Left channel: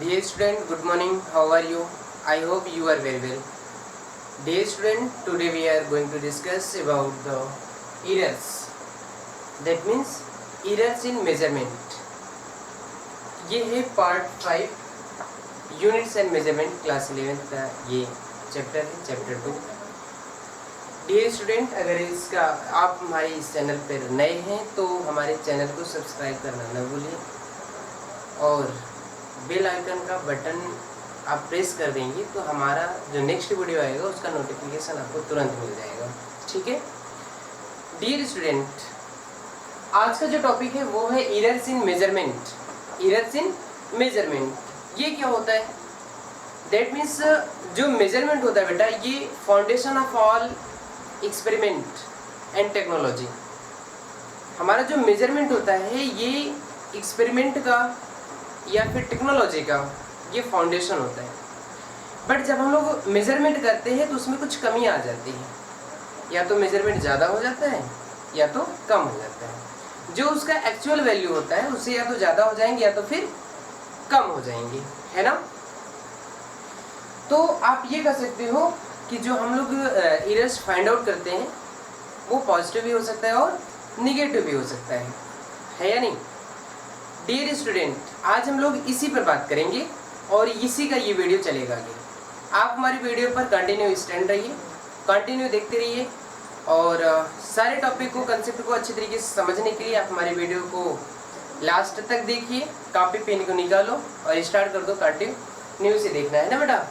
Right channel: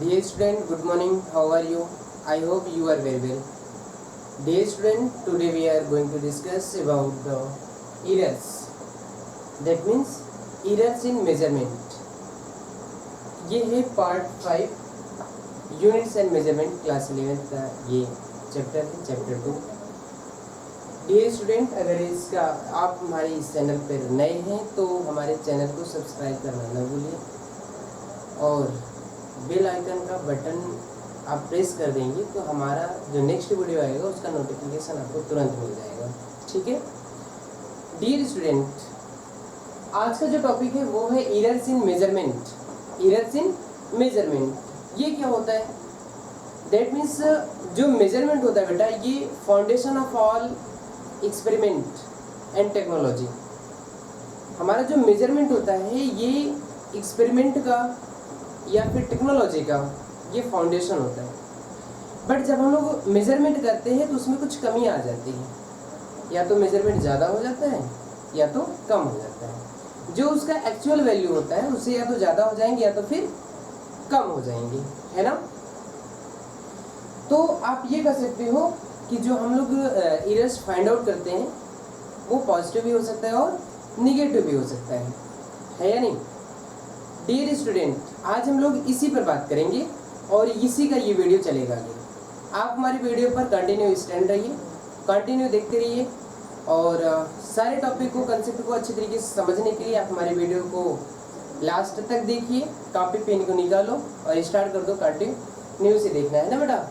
Dear student, good morning. How are you? I hope you are very well. Dear student, today we are going to discuss about the errors. That means errors in measurement. ये है part 5 units and measurement class 11 का ये chapter है, chapter 2। Dear student, अगर इसका आप हमारे इस चैनल पर नए हैं तो हमारे चैनल को सब्सक्राइब करना न भूलिए और बेल आइकन का बटन आप प्रेस कर देंगे तो हमारा जो नेक्स्ट वीडियो आएगा उसका नोटिफिकेशन आपको तुरंत मिल जाएगा। ठीक है डियर स्टूडेंट, आज का जो टॉपिक है वो है errors in measurement. Errors in measurement ये क्या होता है? दैट मीन्स जो मेजरमेंट होता है बेटा, ये foundation of all experiment and technology. हमारा जो मेजरमेंट होता है ये एक्सपेरिमेंट का या फिर टेक्नोलॉजी का ये फाउंडेशन होता है। बट जब हम लोग मेजरमेंट करते हैं तो उसमें कुछ कमी आ जाती है, या तो मेजरमेंट ज़्यादा हो जाता है या तो कम हो जाता है। जो उसका एक्चुअल वैल्यू होता है उससे या तो ज़्यादा हो जाएंगे या तो फिर कम हो जाएंगे, है ना। तो आप ये कह सकते हो कि जो हम लोग एरर्स फाइंड आउट करते हैं वो पॉजिटिव भी हो सकता है और निगेटिव भी हो सकता है या नहीं। डियर स्टूडेंट, आज हम लोग इसी पर बात करेंगे और इसी का ये वीडियो चलेगा आगे। आप हमारी वीडियो पर कंटिन्यू स्टैंड रहिए, कंटिन्यू देखते रहिए और सारे टॉपिक को, कंसेप्ट को अच्छी तरीके से समझने के लिए आप हमारी वीडियो को लास्ट तक देखिए। कॉपी पेन को निकालो और स्टार्ट कर दो कंटिन्यू से देखना, है ना बेटा।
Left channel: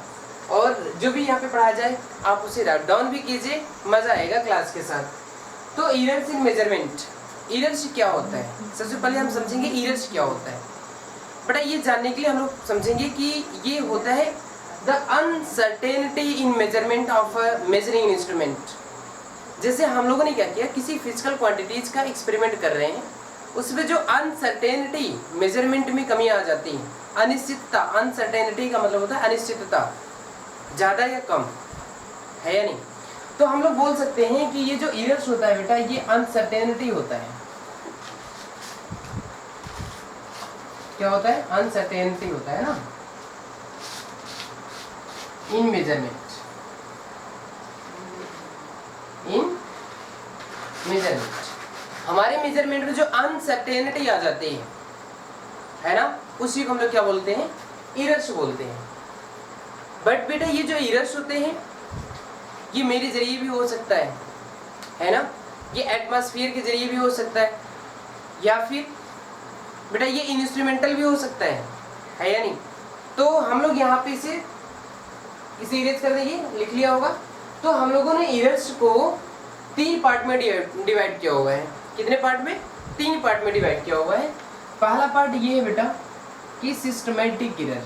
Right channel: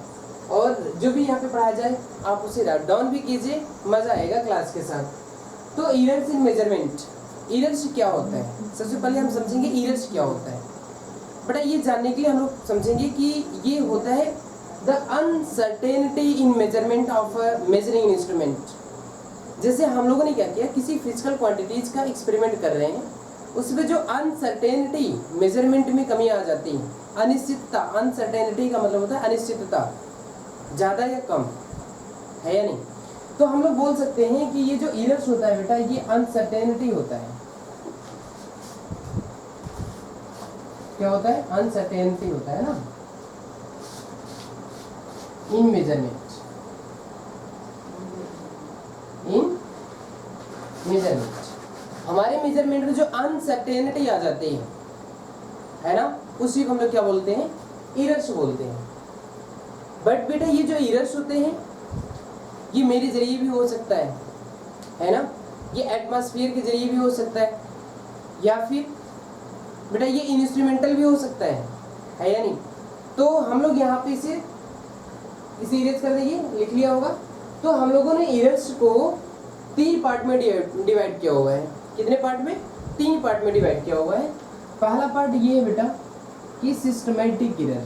और जो भी यहाँ पे पढ़ाया जाए आप उसे राइट डाउन भी कीजिए, मज़ा आएगा क्लास के साथ। तो एरर्स इन मेजरमेंट, एरर्स क्या होता है? सबसे पहले हम समझेंगे एरर्स क्या होता है। बेटा ये जानने के लिए हम लोग समझेंगे कि ये होता है the uncertainty in measurement of a measuring instrument. जैसे हम लोगों ने क्या किया, किसी फिजिकल क्वांटिटीज का एक्सपेरिमेंट कर रहे हैं, उसमें जो अनसर्टेनिटी मेजरमेंट में कमी आ जाती है, अनिश्चितता। अनसर्टेनिटी का मतलब होता है अनिश्चितता, ज़्यादा या कम, है या नहीं। तो हम लोग बोल सकते हैं कि ये जो एरर्स होता है बेटा, ये अनसर्टेनिटी होता है। क्या होता है? अनसर्टेनिटी होता है ना इन मेजरमेंट। इन मेजरमेंट हमारे मेजरमेंट में जो अनसर्टेनिटी आ जाती है ना, उसी को हम लोग क्या बोलते हैं? एरर्स बोलते हैं। बट बेटा ये जो एरर्स होते हैं ये मेरे जरिए भी हो सकता है ना। ये एटमॉस्फेयर के जरिए भी हो सकता है, या फिर बेटा ये इंस्ट्रूमेंटल भी हो सकता है या नहीं। तो हम लोग यहाँ पे इसे इरेज कर देंगे, लिख लिया होगा। तो हम लोगों ने एरर्स को 3 पार्ट में डिवाइड किया हुआ है। कितने पार्ट में? 3 पार्ट में डिवाइड किया हुआ है। पहला पार्ट ये है बेटा कि सिस्टमैटिक एरर,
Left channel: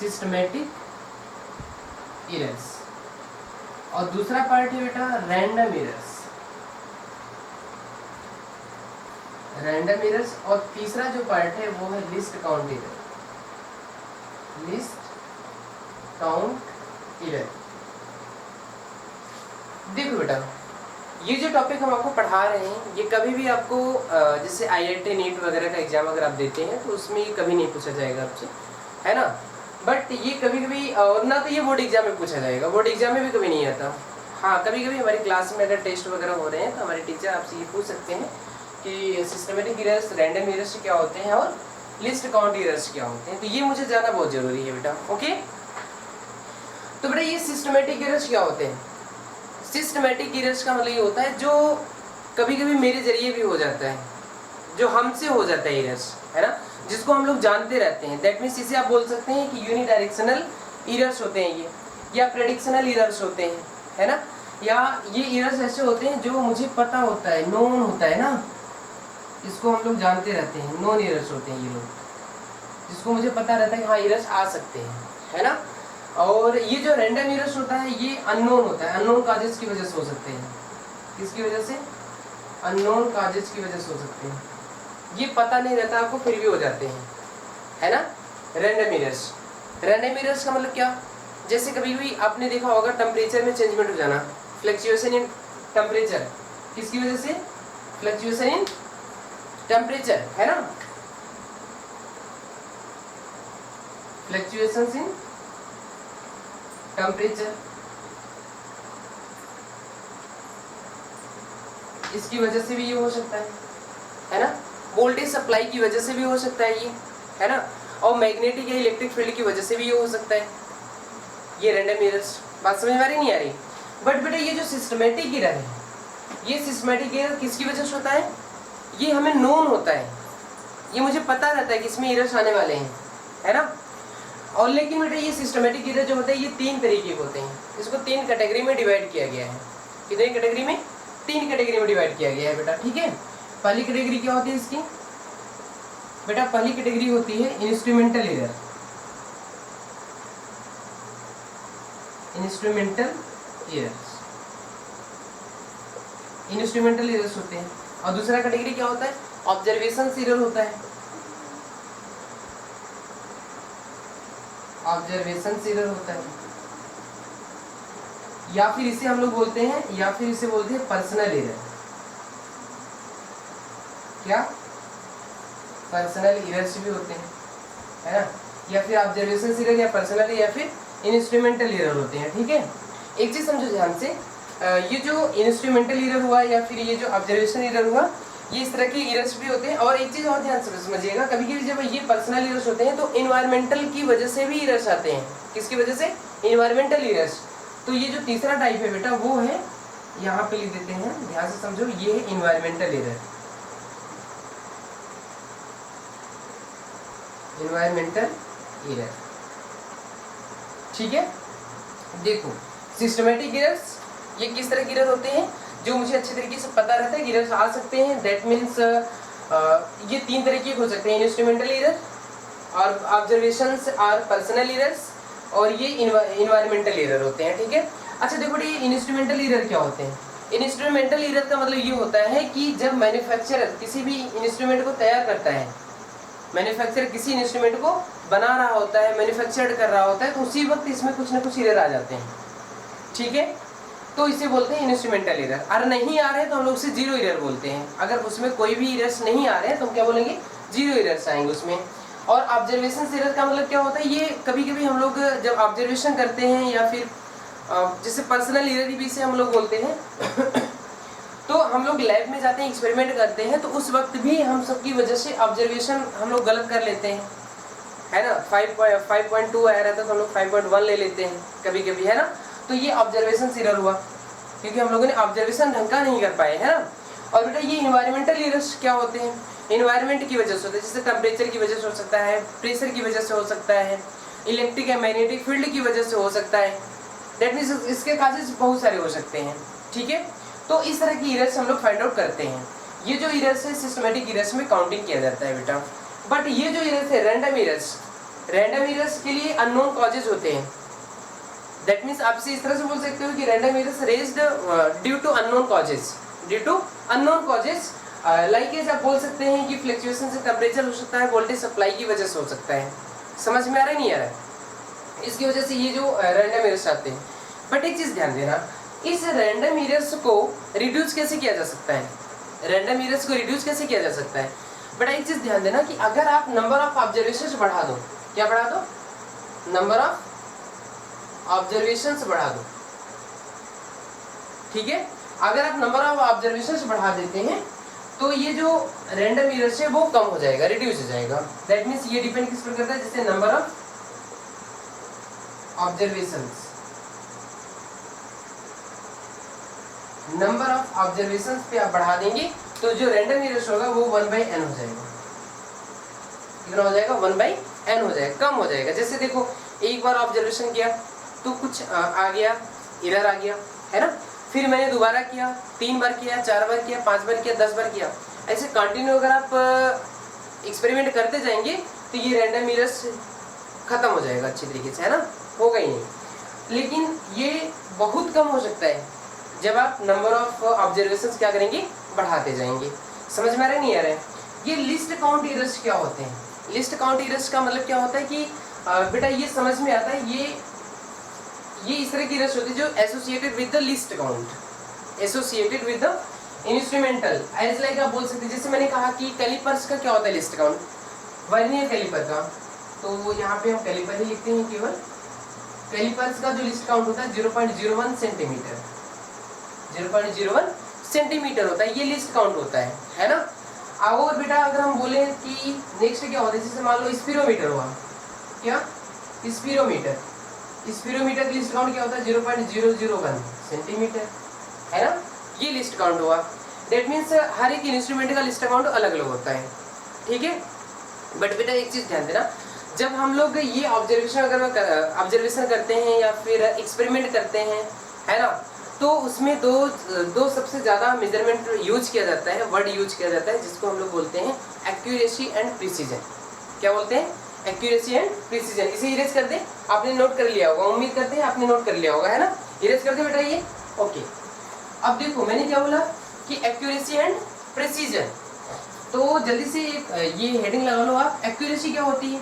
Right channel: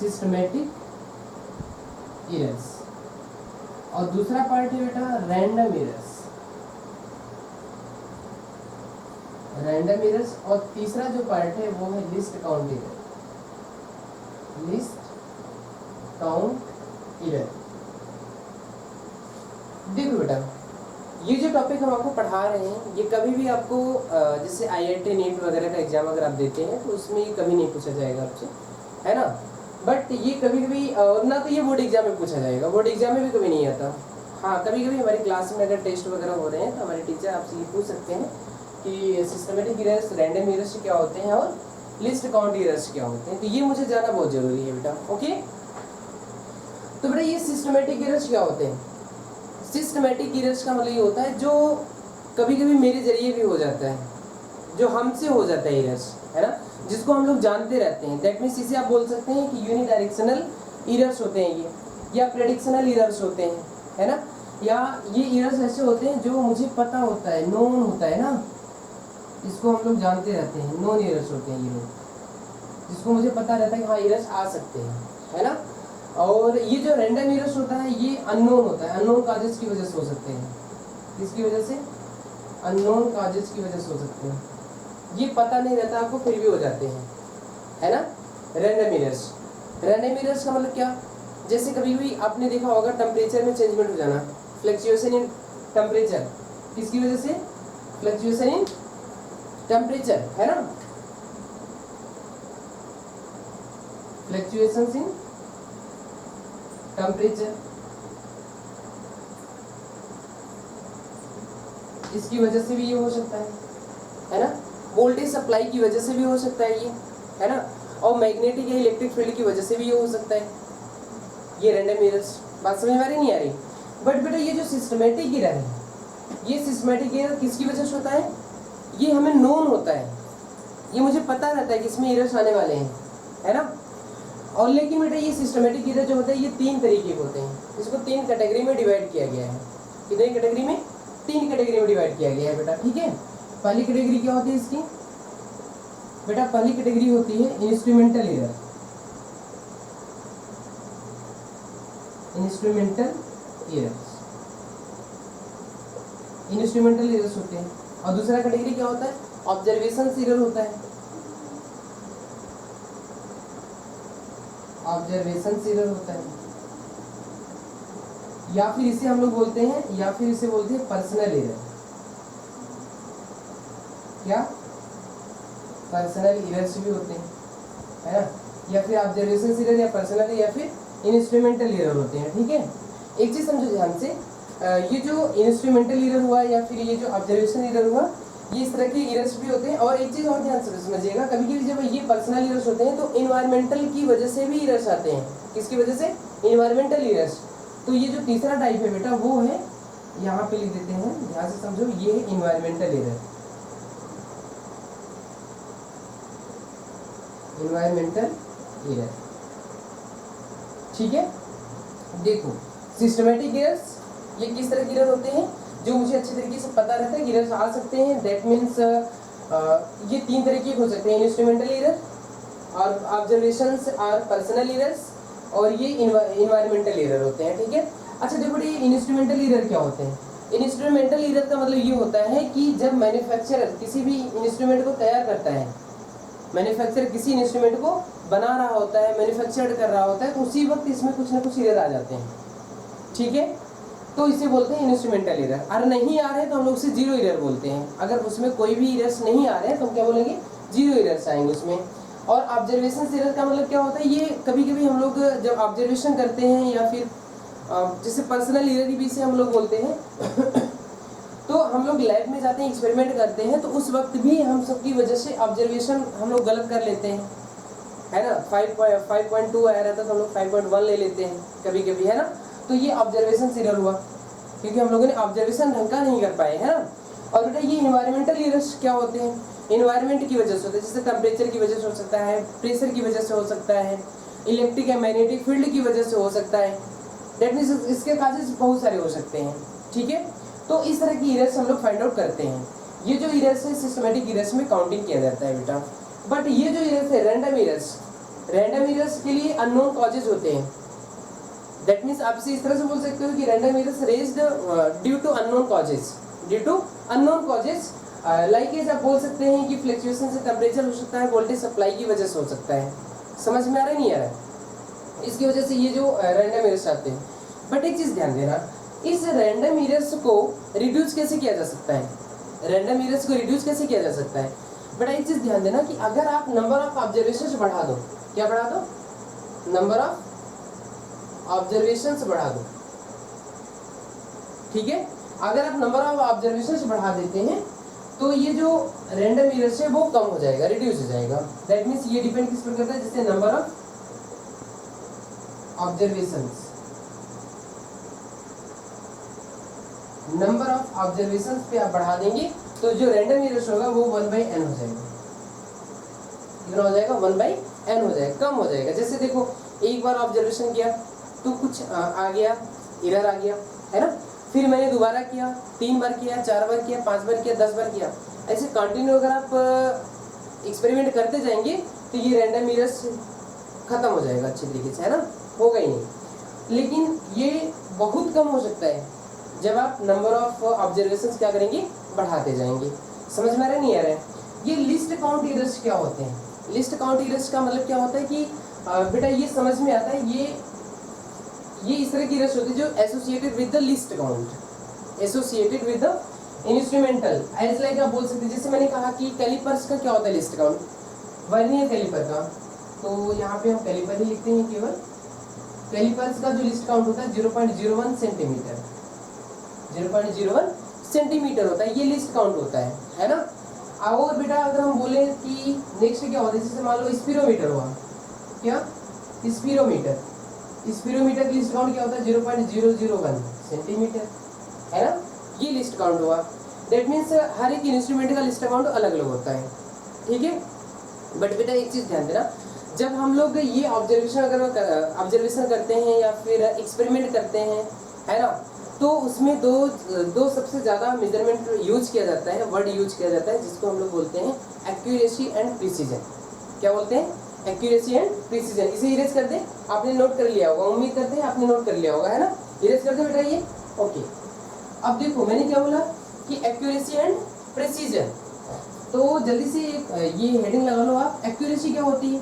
सिस्टमैटिक एरर्स। और दूसरा पार्ट है बेटा रैंडम एरर्स, रैंडम एरर्स। और तीसरा जो पार्ट है वो है least count error, list count error. देखो बेटा ये जो टॉपिक हम आपको पढ़ा रहे हैं ये कभी भी आपको जैसे IIT नीट वगैरह का एग्जाम अगर आप देते हैं तो उसमें ये कभी नहीं पूछा जाएगा आपसे, है ना। बट ये कभी कभी और ना तो ये बोर्ड एग्जाम में पूछा जाएगा, बोर्ड एग्जाम में भी कभी नहीं आता। हाँ कभी कभी हमारी क्लास में अगर टेस्ट वगैरह हो रहे हैं तो हमारे टीचर आपसे ये पूछ सकते हैं कि सिस्टमेटिक एरर्स, रैंडम एरर्स क्या होते हैं और लिस्ट काउंट एरर्स क्या होते हैं। तो ये मुझे जानना बहुत ज़रूरी है बेटा, ओके। तो बेटा ये सिस्टमेटिक एरर्स क्या होते हैं? सिस्टमेटिक एरर्स का मतलब ये होता है जो कभी कभी मेरे जरिए भी हो जाता है, जो हमसे हो जाता है एरर्स, है ना, जिसको हम लोग जानते रहते हैं। दैट मीन्स इसे आप बोल सकते हैं कि यूनिडायरेक्शनल एरर्स होते हैं ये, या प्रेडिक्शनल एरर्स होते हैं, है ना। या ये एरर्स ऐसे होते हैं जो मुझे पता होता है, नोन होता है ना, इसको हम लोग जानते रहते हैं। नोन एरर्स होते हैं ये लोग, जिसको मुझे पता रहता है कि हाँ एरर्स आ सकते हैं, है ना। और ये जो रैंडम एरर्स होता है ये अननोन होता है, अननोन काजेस की वजह से हो सकते हैं। किसकी वजह से? अननोन काजेस की वजह से हो सकते हैं। ये पता नहीं रहता आपको फिर भी हो जाते हैं, है ना, रैंडम एरर्स। रैंडम एरर्स का मतलब क्या? जैसे कभी भी आपने देखा होगा टेम्परेचर में चेंजमेंट हो जाना, फ्लक्चुएशन इन टेम्परेचर। किसकी वजह से? फ्लक्चुएशन इन टेम्परेचर, है ना। फ्लक्चुएशंस इन टेम्परेचर, इसकी वजह से भी ये हो सकता है ना। वोल्टेज सप्लाई की वजह से भी हो सकता है ये, है ना। और मैग्नेटिक या इलेक्ट्रिक फील्ड की वजह से भी ये हो सकता है, ये रैंडम एरर्स। बात समझ में आ रही नहीं आ रही? बट बेटा ये जो सिस्टमेटिक एरर है, ये सिस्टमेटिक एरर किसकी वजह से होता है? ये हमें नोन होता है, ये मुझे पता रहता है कि इसमें एरर्स आने वाले हैं, है ना। और लेकिन बेटा ये सिस्टमेटिक एरर जो होते हैं ये 3 तरीके के होते हैं, इसको 3 कैटेगरी में डिवाइड किया गया है। कितनी कैटेगरी में? 3 कैटेगरी में डिवाइड किया गया है बेटा, ठीक है। पहली कैटेगरी क्या होती है इसकी बेटा? पहली कैटेगरी होती है instrumental error, instrumental errors, instrumental errors होते हैं। और दूसरा कैटेगरी क्या होता है? ऑब्जर्वेशन एरर होता है, ऑब्जर्वेशन एरर होता है। या फिर इसे हम लोग बोलते हैं पर्सनल एरर। क्या? पर्सनल एरर्स भी होते हैं, है ना। या फिर ऑब्जर्वेशन एरर या पर्सनल या फिर इंस्ट्रूमेंटल एरर होते हैं, ठीक है। एक चीज समझो ध्यान से, ये जो इंस्ट्रूमेंटल एरर हुआ या फिर ये जो ऑब्जर्वेशन एरर हुआ, ये इस तरह के एरर्स भी होते हैं। और एक चीज और ध्यान से समझिएगा, कभी कभी जब ये पर्सनल एरर्स होते हैं तो इन्वायरमेंटल की वजह से भी एरर्स आते हैं। किसकी वजह से? Environmental errors. तो ये जो तीसरा टाइप है बेटा वो है, यहाँ पे लिख देते हैं, ध्यान से समझो, ये है इन्वायरमेंटल एरर, इन्वायरमेंटल एरर, ठीक है। देखो सिस्टमेटिक एरर्स ये किस तरह के एरर होते हैं, जो मुझे अच्छे तरीके से पता रहता है कि एरर्स आ सकते हैं। दैट मीन्स ये 3 तरीके के हो सकते हैं, इंस्ट्रूमेंटल एरर और ऑब्जर्वेशंस और पर्सनल एरर्स, और ये इन्वायरमेंटल एरर होते हैं, ठीक है। अच्छा देखो ये इंस्ट्रूमेंटल एरर क्या होते हैं? इंस्ट्रूमेंटल एरर का मतलब ये होता है कि जब मैन्युफैक्चरर किसी भी इंस्ट्रूमेंट को तैयार करता है, मैन्युफैक्चरर किसी इंस्ट्रूमेंट को बना रहा होता है, मैन्युफैक्चर कर रहा होता है, तो उसी वक्त इसमें कुछ ना कुछ एरर आ जाते हैं, ठीक है। तो इसे बोलते हैं इंस्ट्रूमेंटल एरर। अगर नहीं आ रहे हैं तो हम लोग उसे जीरो एरर बोलते हैं। अगर उसमें कोई भी एरर्स नहीं आ रहे हैं तो हम क्या बोलेंगे? जीरो एरर्स आएंगे उसमें। और ऑब्जर्वेशन एरर का मतलब क्या होता है? ये कभी कभी हम लोग जब ऑब्जर्वेशन करते हैं या फिर जैसे पर्सनल एरर भी इसे हम लोग बोलते हैं तो हम लोग लैब में जाते हैं, एक्सपेरिमेंट करते हैं, तो उस वक्त भी हम सबकी वजह से ऑब्जर्वेशन हम लोग गलत कर लेते हैं, है ना। 5.2 आया रहता है तो हम लोग 5.1 ले लेते हैं कभी कभी, है ना। तो ये ऑब्जर्वेशन एरर हुआ क्योंकि हम लोगों ने ऑब्जर्वेशन ढंग का नहीं कर पाए, है ना। और बेटा ये इन्वायरमेंटल एरर्स क्या होते हैं? इन्वायरमेंट की वजह से होते हैं, जैसे टेम्परेचर की वजह से हो सकता है, प्रेशर की वजह से हो सकता है, इलेक्ट्रिक या मैग्नेटिक फील्ड की वजह से हो सकता है। दैट मीन्स इसके काजेस बहुत सारे हो सकते हैं, ठीक है। तो इस तरह की एरर्स हम लोग फाइंड आउट करते हैं। ये जो एरर्स है सिस्टमेटिक एरर्स में काउंटिंग किया जाता है बेटा। बट ये जो एरर्स है रैंडम एरर्स के लिए अननोन कॉजेज होते हैं। दैट मीन्स आप इसे इस तरह से बोल सकते हो कि random errors raised due to unknown causes, like आप बोल सकते हैं कि फ्लक्चुएशन से टेम्परेचर हो सकता है, वोल्टेज सप्लाई की वजह से हो सकता है। समझ में आ रहा है नहीं आ रहा है? इसकी वजह से ये जो रैंडम एरर्स आते हैं। बट एक चीज ध्यान देना, इस रैंडम एरर्स को रिड्यूस कैसे किया जा सकता है? रैंडम एरर्स को रिड्यूस कैसे किया जा सकता है? बट एक चीज ध्यान देना कि अगर आप नंबर ऑफ ऑब्जर्वेशंस बढ़ा दो, क्या बढ़ा दो? नंबर ऑफ ऑब्जर्वेशंस बढ़ा दो, ठीक है। अगर आप नंबर ऑफ ऑब्जर्वेशंस बढ़ा देते हैं तो ये जो रैंडम एरर्स है वो कम हो जाएगा, रिड्यूस हो जाएगा। दैट मीन्स ये डिपेंड किस पर करता है? जैसे number of observations, number of observations पे आप बढ़ा देंगे तो जो रैंडम एरर्स होगा वो 1/n हो जाएगा। कितना हो जाएगा? 1/n हो जाएगा, कम हो जाएगा। जैसे देखो एक बार ऑब्जर्वेशन किया तो कुछ आ गया, एरर आ गया, है ना। फिर मैंने दोबारा किया, 3 बार किया, 4 बार किया, 5 बार किया, 10 बार किया, ऐसे कंटिन्यू अगर आप एक्सपेरिमेंट करते जाएंगे तो ये रैंडम एरर्स खत्म हो जाएगा अच्छी तरीके से, है ना, होगा ही नहीं। लेकिन ये बहुत कम हो सकता है जब आप नंबर ऑफ ऑब्जर्वेशंस क्या करेंगे? बढ़ाते जाएंगे। समझ में आ रहा है नहीं आ रहा है? ये लिस्ट काउंट एरर्स क्या होते हैं? लिस्ट काउंट एरर्स का मतलब क्या होता है कि बेटा ये समझ में आता है, ये इस तरह की एरर्स होती है जो associated with the list count, associated with the instrumental. As like आप बोल सकते हैं, जैसे मैंने कहा कि कैलिपर्स का क्या होता है लिस्ट काउंट? वर्नियर कैलिपर का तो यहाँ पे हम कैलिपर ही लिखते हैं केवल। कैलिपर्स का जो लिस्ट काउंट होता है 0.01 सेंटीमीटर, 0.01 सेंटीमीटर होता है, ये लिस्ट काउंट होता है ना। और बेटा अगर हम बोले कि नेक्स्ट क्या होता है, जैसे मान लो स्पीरोमीटर हुआ, क्या स्पीरोमीटर, स्पीरोमीटर की लिस्ट काउंट क्या होता है 0.001 सेंटीमीटर, है ना, ये लिस्ट काउंट हुआ। दैट मीन्स हर एक इंस्ट्रूमेंट का लिस्ट काउंट अलग अलग होता है, ठीक है। बट बेटा एक चीज़ ध्यान देना, जब हम लोग ये ऑब्जर्वेशन करते हैं या फिर एक्सपेरिमेंट करते हैं, है ना, तो उसमें दो सबसे ज़्यादा मेजरमेंट यूज किया जाता है, वर्ड यूज किया जाता है, जिसको हम लोग बोलते हैं एक्यूरेसी एंड प्रिसीजन। क्या बोलते हैं? Accuracy and precision. इसे इरेज कर दे, आपने नोट कर लिया होगा, उम्मीद करते हैं आपने नोट कर लिया होगा, है ना। इरेज कर दे बेटा ये, ओके। अब देखो मैंने क्या बोला कि एक्यूरेसी एंड प्रिसीजन, तो जल्दी से ये हेडिंग लगा लो आप। एक्यूरेसी क्या होती है?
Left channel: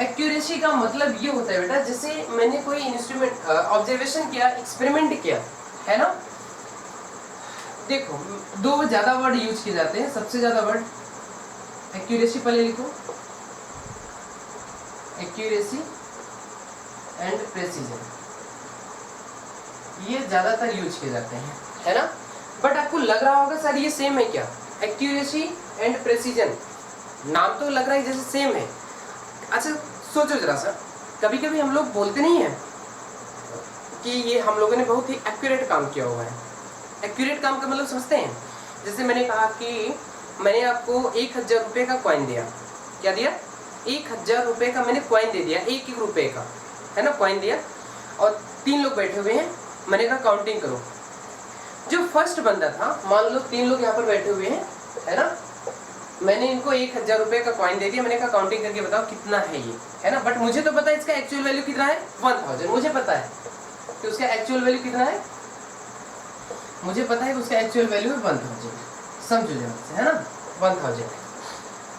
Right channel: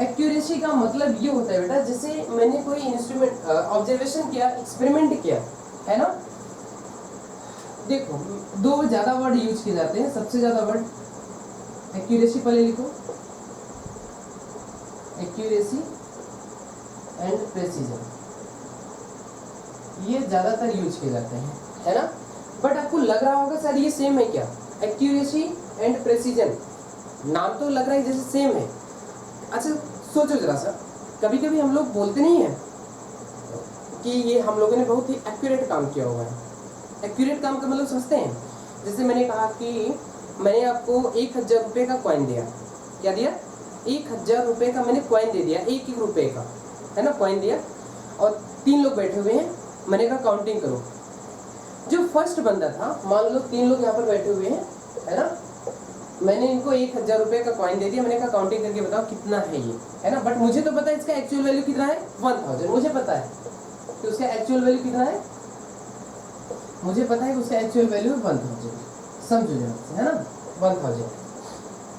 एक्यूरेसी का मतलब ये होता है बेटा, जैसे मैंने कोई इंस्ट्रूमेंट ऑब्जर्वेशन किया, एक्सपेरिमेंट किया, है ना। देखो दो ज्यादा वर्ड यूज किए जाते हैं, सबसे ज्यादा वर्ड एक्यूरेसी, पहले लिखो एक्यूरेसी एंड प्रेसिजन, ये ज्यादातर यूज किए जाते हैं, है ना। बट आपको लग रहा होगा सर ये सेम है क्या? एक्यूरेसी एंड प्रेसिजन, नाम तो लग रहा है जैसे सेम है। अच्छा सोचो जरा सा, कभी कभी हम लोग बोलते नहीं हैं कि ये हम लोगों ने बहुत ही एक्यूरेट काम किया हुआ है। एक्यूरेट काम का मतलब समझते हैं? जैसे मैंने कहा कि मैंने आपको 1000 रुपये का कॉइन दिया, क्या दिया? 1000 रुपये का मैंने कॉइन दे दिया, एक रुपये का, है ना, कॉइन दिया, और 3 लोग बैठे हुए हैं, मैंने कहा काउंटिंग करो। जो फर्स्ट बंदा था, मान लो 3 लोग यहाँ पर बैठे हुए हैं, है ना, मैंने इनको 1000 रुपये का कॉइन दे दिया, मैंने कहा काउंटिंग करके बताओ कितना है ये, है ना। बट मुझे तो पता है इसका एक्चुअल वैल्यू कितना है, 1000, मुझे पता है कि उसका एक्चुअल वैल्यू कितना है, मुझे पता है कि उसका एक्चुअल वैल्यू है 1000, समझो जरा, है ना, 1000।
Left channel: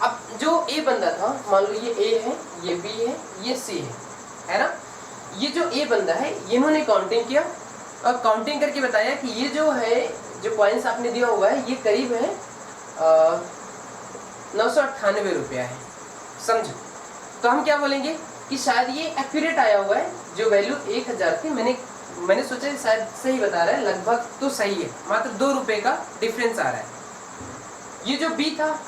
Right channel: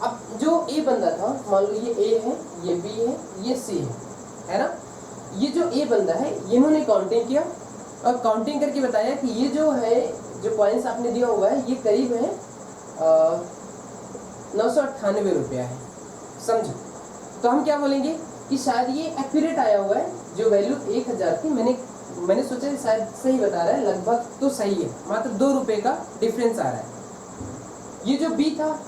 अब जो ए बंदा था, मान लो ये ए है, ये बी है, ये सी है ना। ये जो ए बंदा है, इन्होंने काउंटिंग किया और काउंटिंग करके बताया कि ये जो है, जो कॉइन्स आपने दिया हुआ है, ये करीब है 998 रुपया है, समझो। तो हम क्या बोलेंगे कि शायद ये एक्यूरेट आया हुआ है, जो वैल्यू 1000 थी, मैंने सोचा शायद सही बता रहा है, लगभग तो सही है, मात्र 2 रुपये का डिफरेंस आ रहा है। ये जो बी था,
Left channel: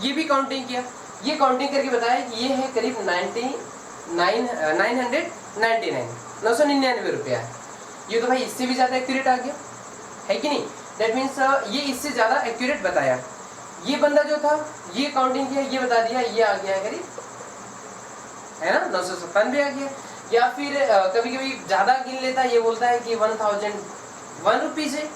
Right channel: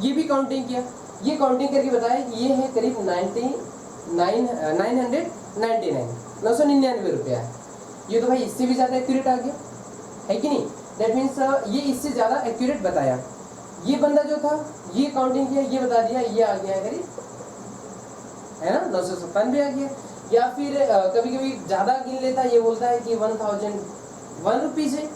ये भी काउंटिंग किया, ये काउंटिंग करके बताया कि ये है करीब 999 रुपया है। ये तो भाई इससे भी ज़्यादा एक्यूरेट आ गया, है कि नहीं। दैट मीन्स ये इससे ज़्यादा एक्यूरेट बताया। ये बंदा जो था, ये काउंटिंग किया, ये बता दिया, ये आ गया है करीब, है ना, 997 आ गया। या फिर कभी कभी ज़्यादा गिन लेता है, ये बोलता है कि 1001 रुपीज़ है,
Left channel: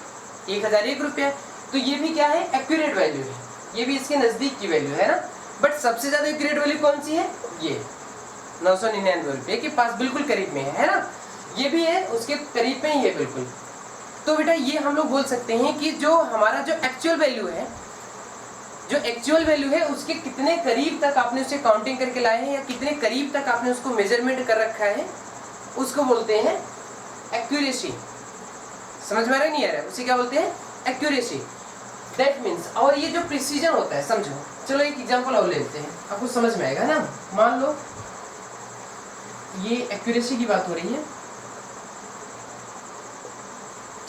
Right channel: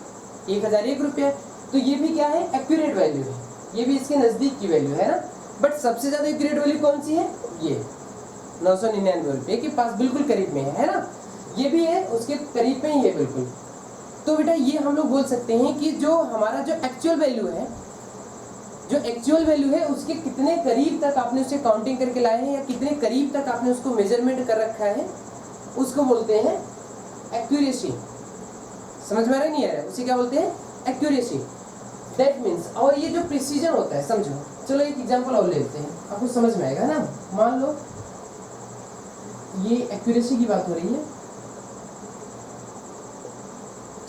1001 रुपया है, तो ये भी क्या है, एक्यूरेट वैल्यू है, ये भी इसके नज़दीक की वैल्यू है ना। बट सबसे ज़्यादा एक्यूरेट वैल्यू कौन सी है? ये 999 रुपये के पास बिल्कुल करीब में है ना, ये भी है उसके करीब में ही है बिल्कुल। तो बेटा ये हम लोग बोल सकते हैं कि जो हमारा जो एक्चुअल वैल्यू है, जो एक्चुअल वैल्यू है, उसके कितने करीब तक आपने उसे काउंटिंग करके लाए हैं, या कितने करीब तक आपने उसको मेजरमेंट कर रखा है, उसको बोलते हैं एक्यूरेसी। समझ में आ रहा है नहीं आ रहा है? उसे क्या बोलते हैं? एक्यूरेसी। दैट मीन्स, और ये जो प्रिसीजन होता है, समझो, चलो एक एग्जांपल और लेते हैं, आपको समझ में आएगा ना। मान लो ये एक्यूरेसी की बात हो रही है,